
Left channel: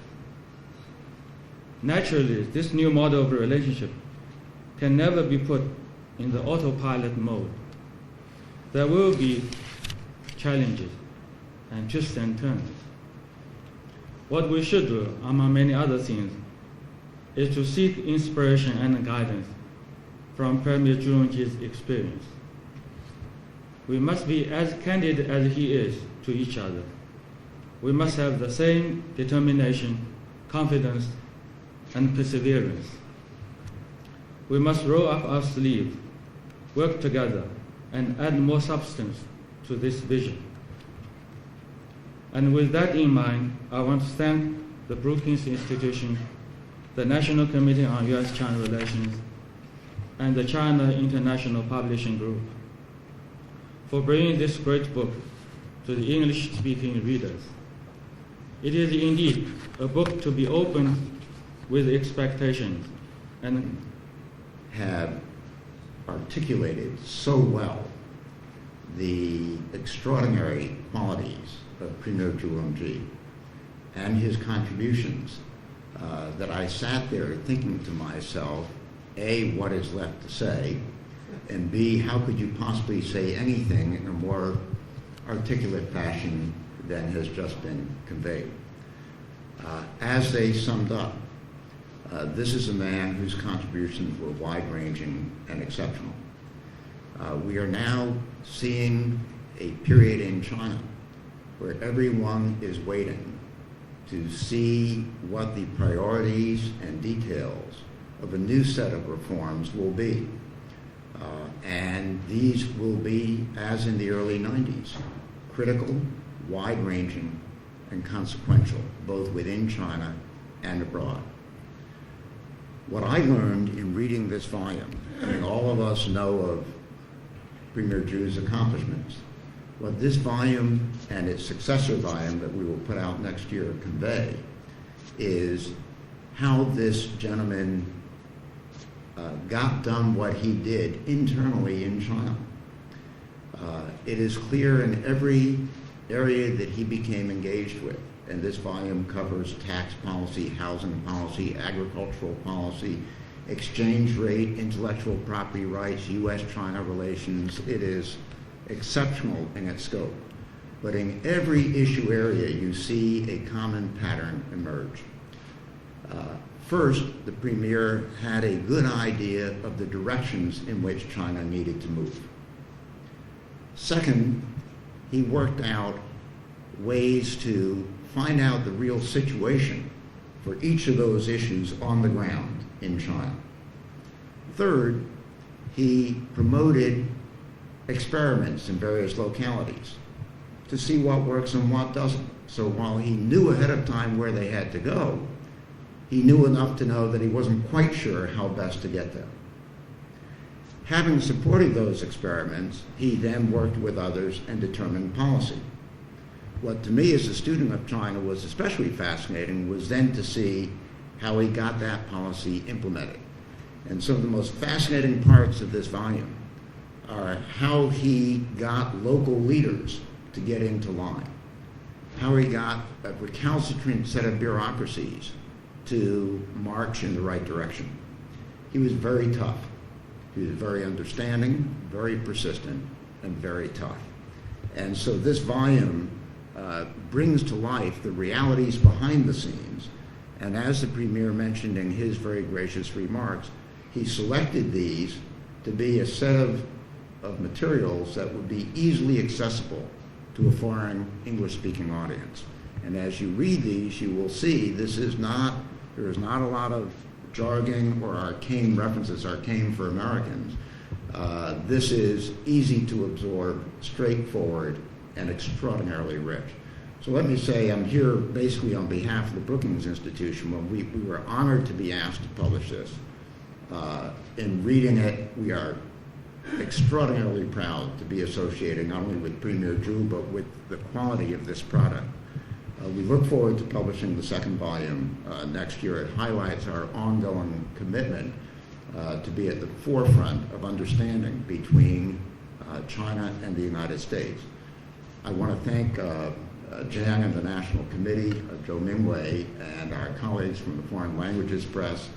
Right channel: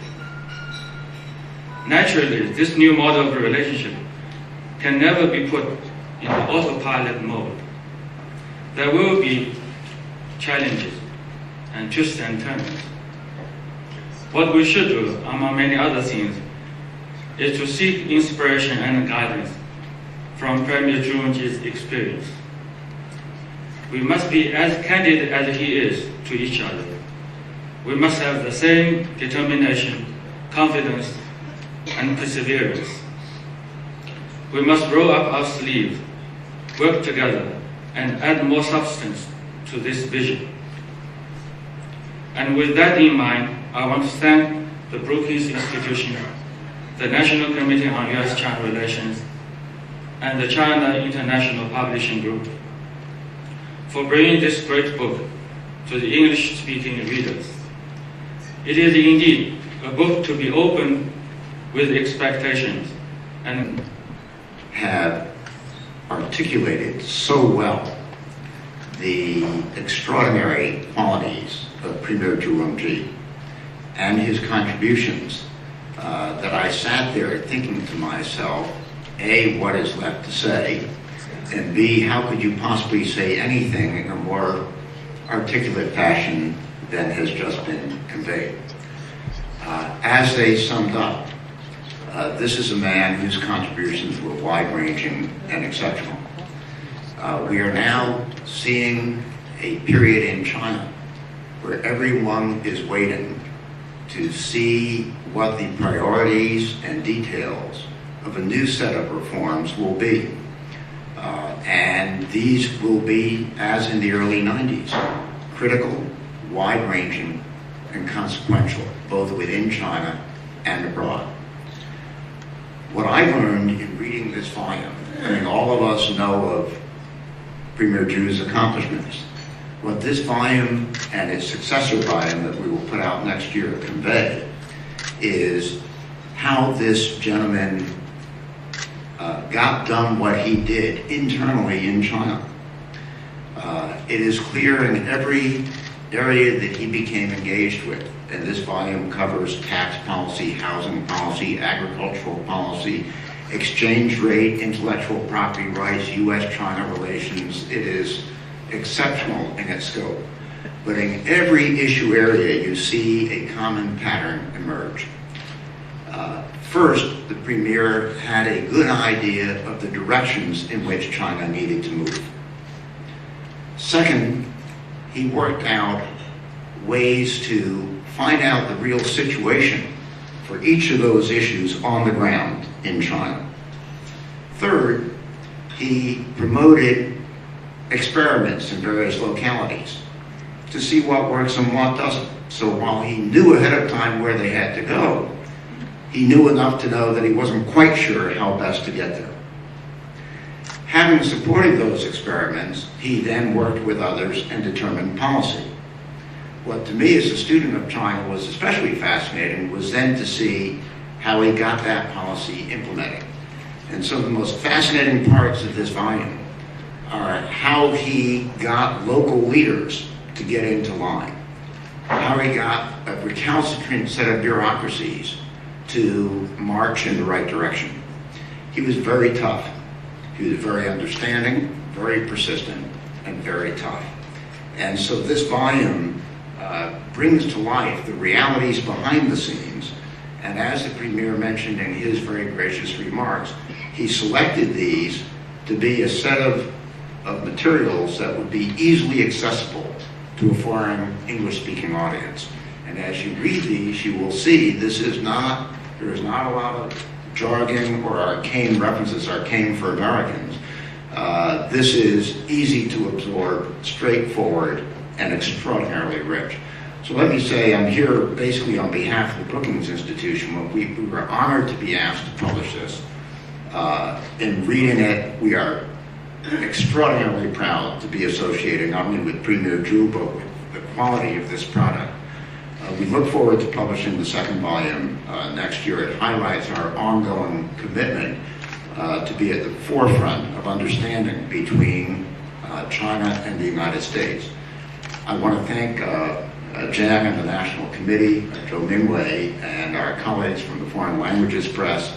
Naturally, this new model of relationship can never be put in the autopilot mode. There will be challenges and twists and turns. What we should do, among many other things, is to seek inspiration and guidance from Premier Zhu Rongji's experience. We must be as candid as he is to each other. We must have the same determination, confidence, and perseverance. We must roll up our sleeves, work together, and add more substance to this vision. And with that in mind, I want to thank the Brookings Institution, the National Committee on U.S.-China Relations, and the China International Publishing Group for bringing this great book to the English-speaking readers. It is indeed a book to be opened with expectations and have articulated so well the extraordinary qualities of Premier Zhu Rongji and his contributions that I sat there thinking to myself, A, what is left to say, and B, how could you possibly say anything in a more articulate fashion than has just been conveyed. As they summed up, this is a man whose contributions were wide-ranging and exceptional. We are now seeing a period in China where everyone is waiting to see what the priorities and details of a new set of reforms will be. And these will be, as in the early 90s, critical, wide-ranging, and consequential, both within China and abroad. What I learned in reading this volume, I mean, all of us know of Premier Zhu's accomplishments. What this volume and its successor volume that we will put out next year convey is how this gentleman got done what he did internally in China. It is clear in every area that he became engaged with, and this volume covers tax policy, housing policy, agricultural policy, exchange rate, intellectual property rights, U.S.-China relations. It is exceptional in its scope. But in every issue area, you see a common pattern emerge. First, the Premier had a good idea of the directions in which China needed to move. Second, he worked out ways to find out the real situation for each of those issues on the ground in China. Third, he promoted experiments in various localities to see what works and what doesn't. So while he knew ahead of time where they had to go, he knew enough to know that he wasn't quite sure how best to get there. Having supported those experiments, he then worked with others and determined policy. What to me as a student of China was especially fascinating was then to see how he got that policy implemented. And some of the most fascinating parts of this volume are how he got local leaders to get into line, how he got a recalcitrant set of bureaucracies to march in the right direction. He was very tough. He was very understanding, very persistent, and very tough. And so this volume brings to life the realities behind the scenes. And as the Premier mentioned in his very gracious remarks, he selected these to be a set of materials that would be easily accessible to a foreign English-speaking audience. And as you read these, you will see there is not a lot of jargon or arcane references, arcane for Americans. This is easy to absorb, straightforward, and extraordinarily rich. So let me say I'm here basically on behalf of the Brookings Institution. We were honored to be asked to publish this. In reading it, we are extraordinarily proud to be associated not only with Premier Zhu, but with the quality of this product. We look forward to publishing the second volume next year. It highlights our ongoing commitment to be at the forefront of understanding between China and the United States. I want to thank Zhang and the National Committee, Zhou Mingwei, and our colleagues from the Foreign Languages Press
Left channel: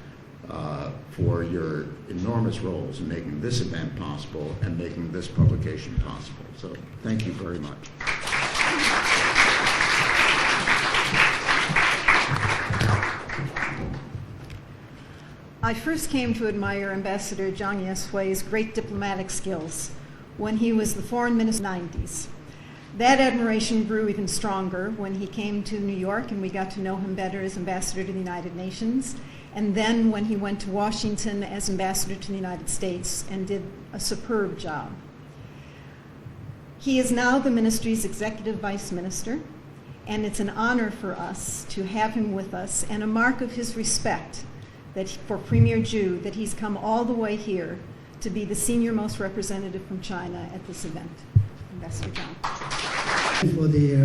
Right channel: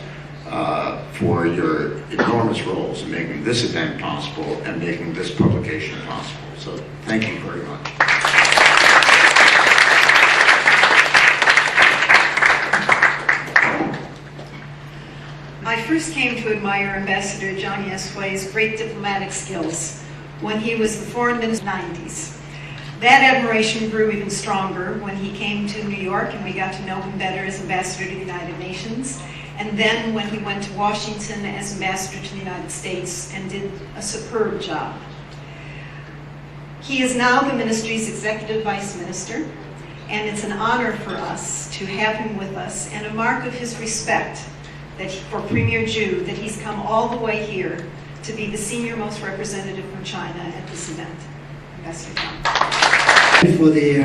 for your enormous roles in making this event possible and making this publication possible. So thank you very much. I first came to admire Ambassador Zhang Yesui's great diplomatic skills when he was the foreign minister in the 90s. That admiration grew even stronger when he came to New York and we got to know him better as ambassador to the United Nations, and then when he went to Washington as ambassador to the United States and did a superb job. He is now the ministry's executive vice minister, and it's an honor for us to have him with us and a mark of his respect for Premier Zhu that he's come all the way here to be the senior most representative from China at this event. Ambassador Zhang. For the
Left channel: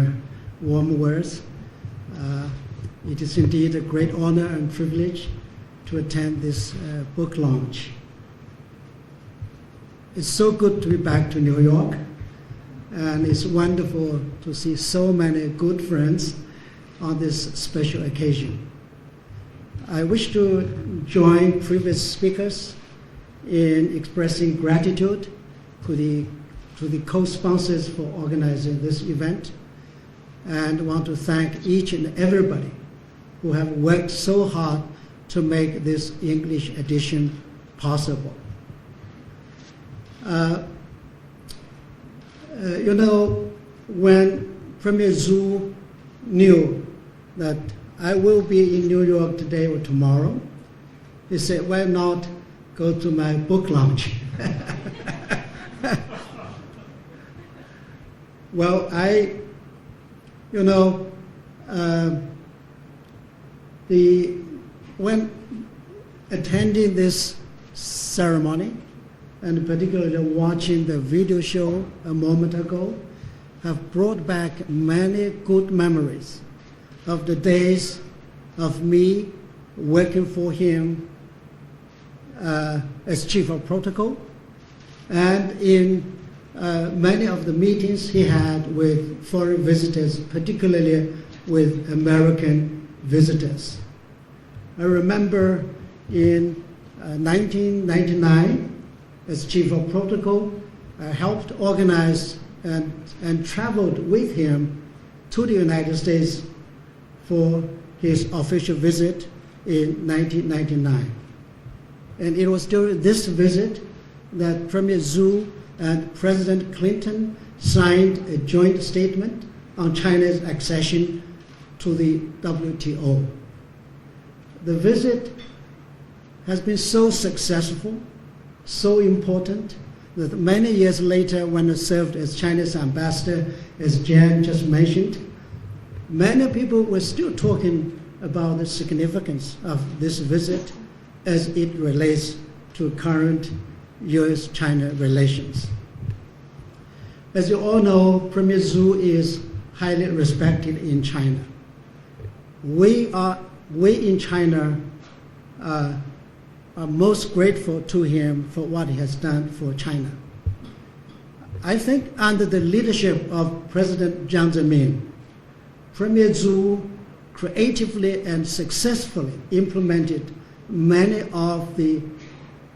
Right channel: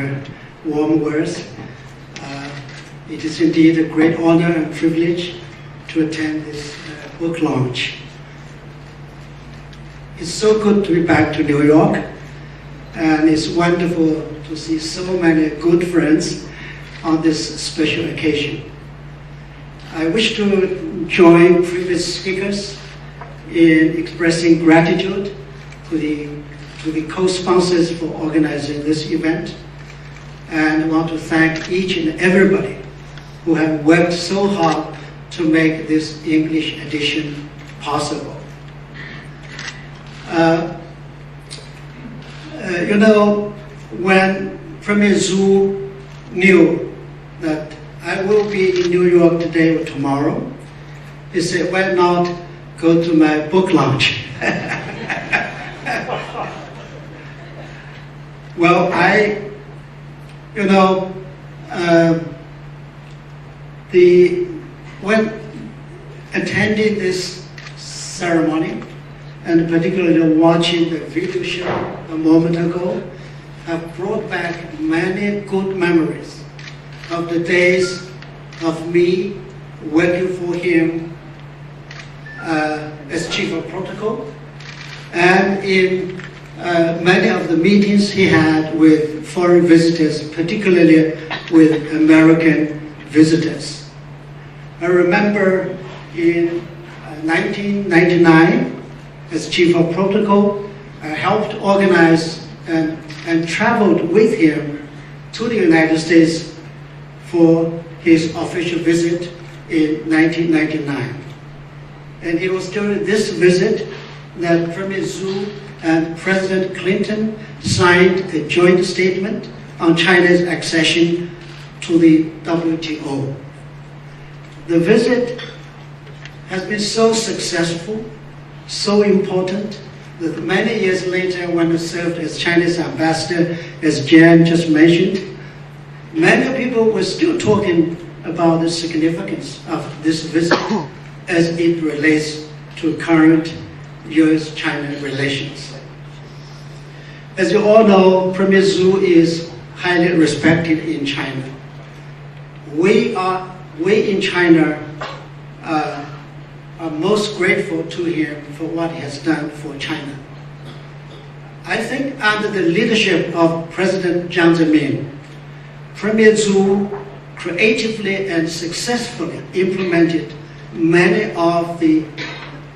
warm words. It is indeed a great honor and privilege to attend this book launch. It's so good to be back to New York, and it's wonderful to see so many good friends on this special occasion. I wish to join previous speakers in expressing gratitude to the co-sponsors for organizing this event, and I want to thank each and everybody who have worked so hard to make this English edition possible. When Premier Zhu knew that I will be in New York today or tomorrow, He said, why not go to my book launch? Well, when attending this ceremony, and particularly watching the video show a moment ago, have brought back many good memories of the days of me working for him as chief of protocol, and in many of the meetings he had with foreign visitors, particularly with American visitors. I remember in 1999, as chief of protocol, I helped organize and traveled with him to the United States for his official visit in 1999. And it was during this visit that Premier Zhu and President Clinton signed a joint statement on China's accession to the WTO. The visit has been so successful, so important, that many years later, when I served as Chinese ambassador, as Jan just mentioned, many people were still talking about the significance of this visit as it relates to current U.S.-China relations. As you all know, Premier Zhu is highly respected in China. We in China are most grateful to him for what he has done for China. I think under the leadership of President Zhang, Premier Zhu creatively and successfully implemented many of the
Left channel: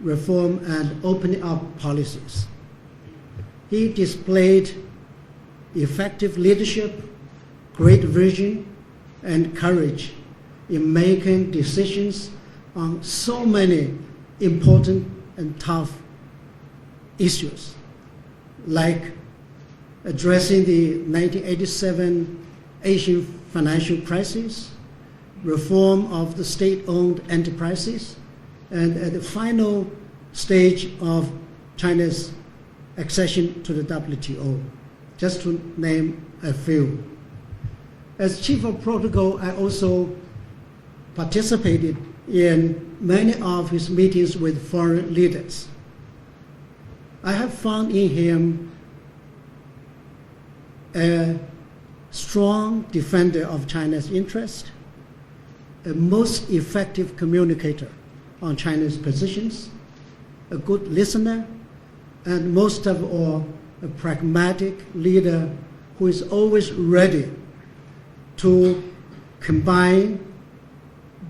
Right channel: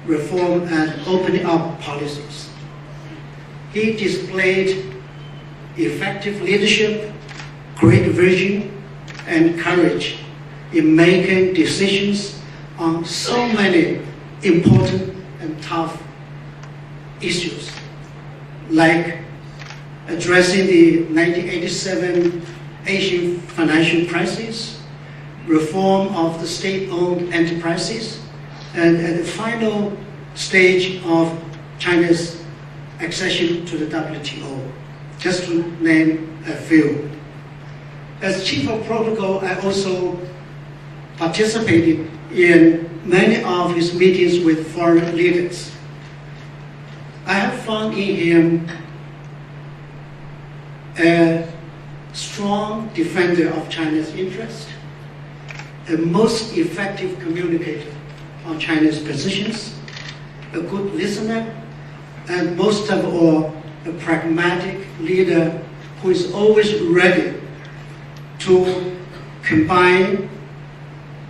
reform and opening up policies. He displayed effective leadership, great vision, and courage in making decisions on so many important and tough issues, like addressing the 1987 Asian financial crisis, reform of the state-owned enterprises, and at the final stage of China's accession to the WTO, just to name a few. As chief of protocol, I also participated in many of his meetings with foreign leaders. I have found in him a strong defender of China's interest, a most effective communicator on China's positions, a good listener, and most of all, a pragmatic leader who is always ready to combine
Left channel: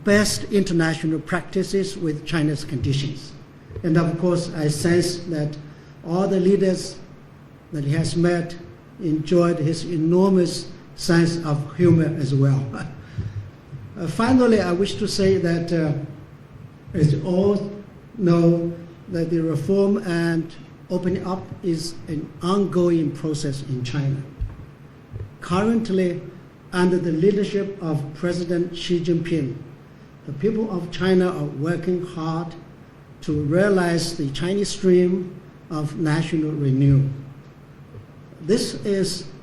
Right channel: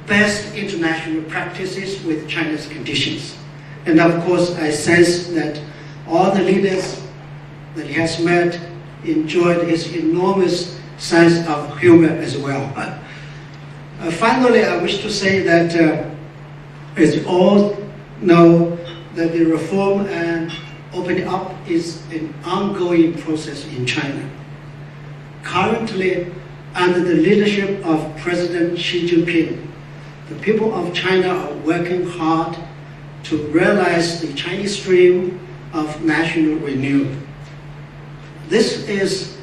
best international practices with China's conditions. And of course, I sense that all the leaders that he has met enjoyed his enormous sense of humor as well. Finally, I wish to say that, as you all know, that the reform and opening up is an ongoing process in China. Currently, under the leadership of President Xi Jinping, the people of China are working hard to realize the Chinese dream of national renewal. This is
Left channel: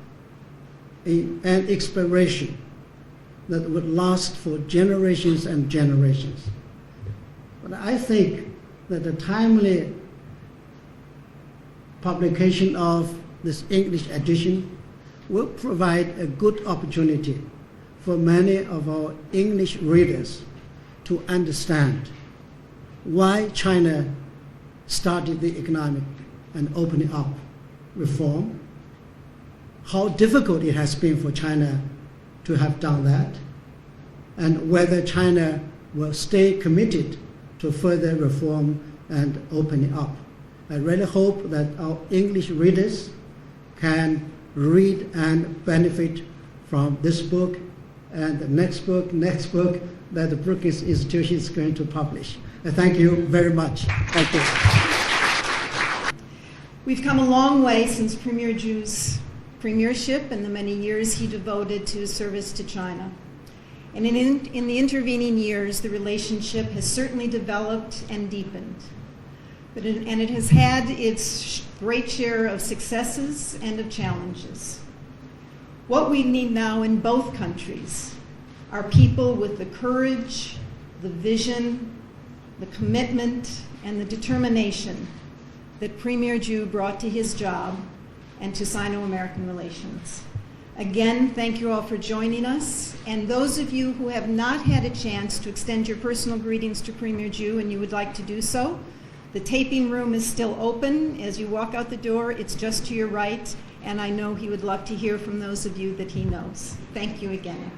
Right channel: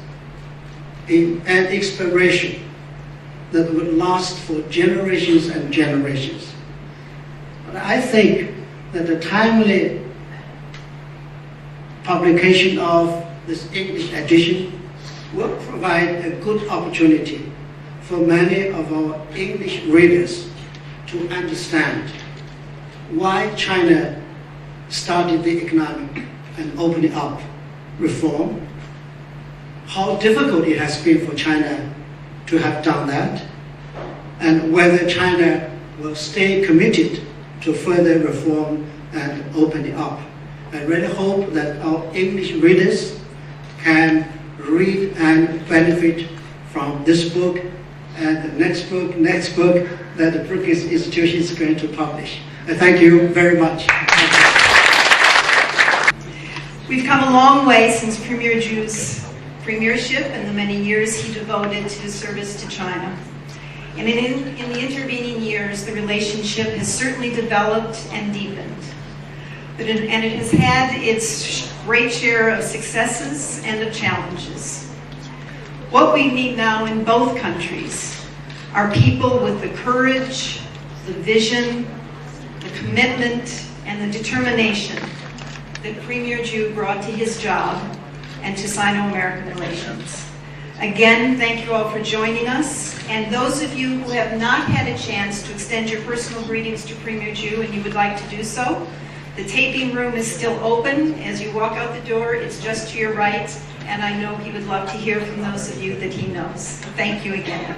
an inspiration that would last for generations and generations. But I think that the timely publication of this English edition will provide a good opportunity for many of our English readers to understand why China started the economic and opening up reform, how difficult it has been for China to have done that, and whether China will stay committed to further reform and opening up. I really hope that our English readers can read and benefit from this book and the next book that the Brookings Institution is going to publish. Thank you very much. We've come a long way since Premier Zhu's premiership and the many years he devoted to service to China. And in the intervening years, the relationship has certainly developed and deepened. And it has had its great share of successes and of challenges. What we need now in both countries are people with the courage, the vision, the commitment, and the determination that Premier Zhu brought to his job and to Sino-American relations. Again, thank you all for joining us. And those of you who have not had a chance to extend your personal greetings to Premier Zhu and you would like to do so, the taping room is still open. As you walk out the door, it's just to your right, and I know he would love to hear from those of you that he knows. Thank you again.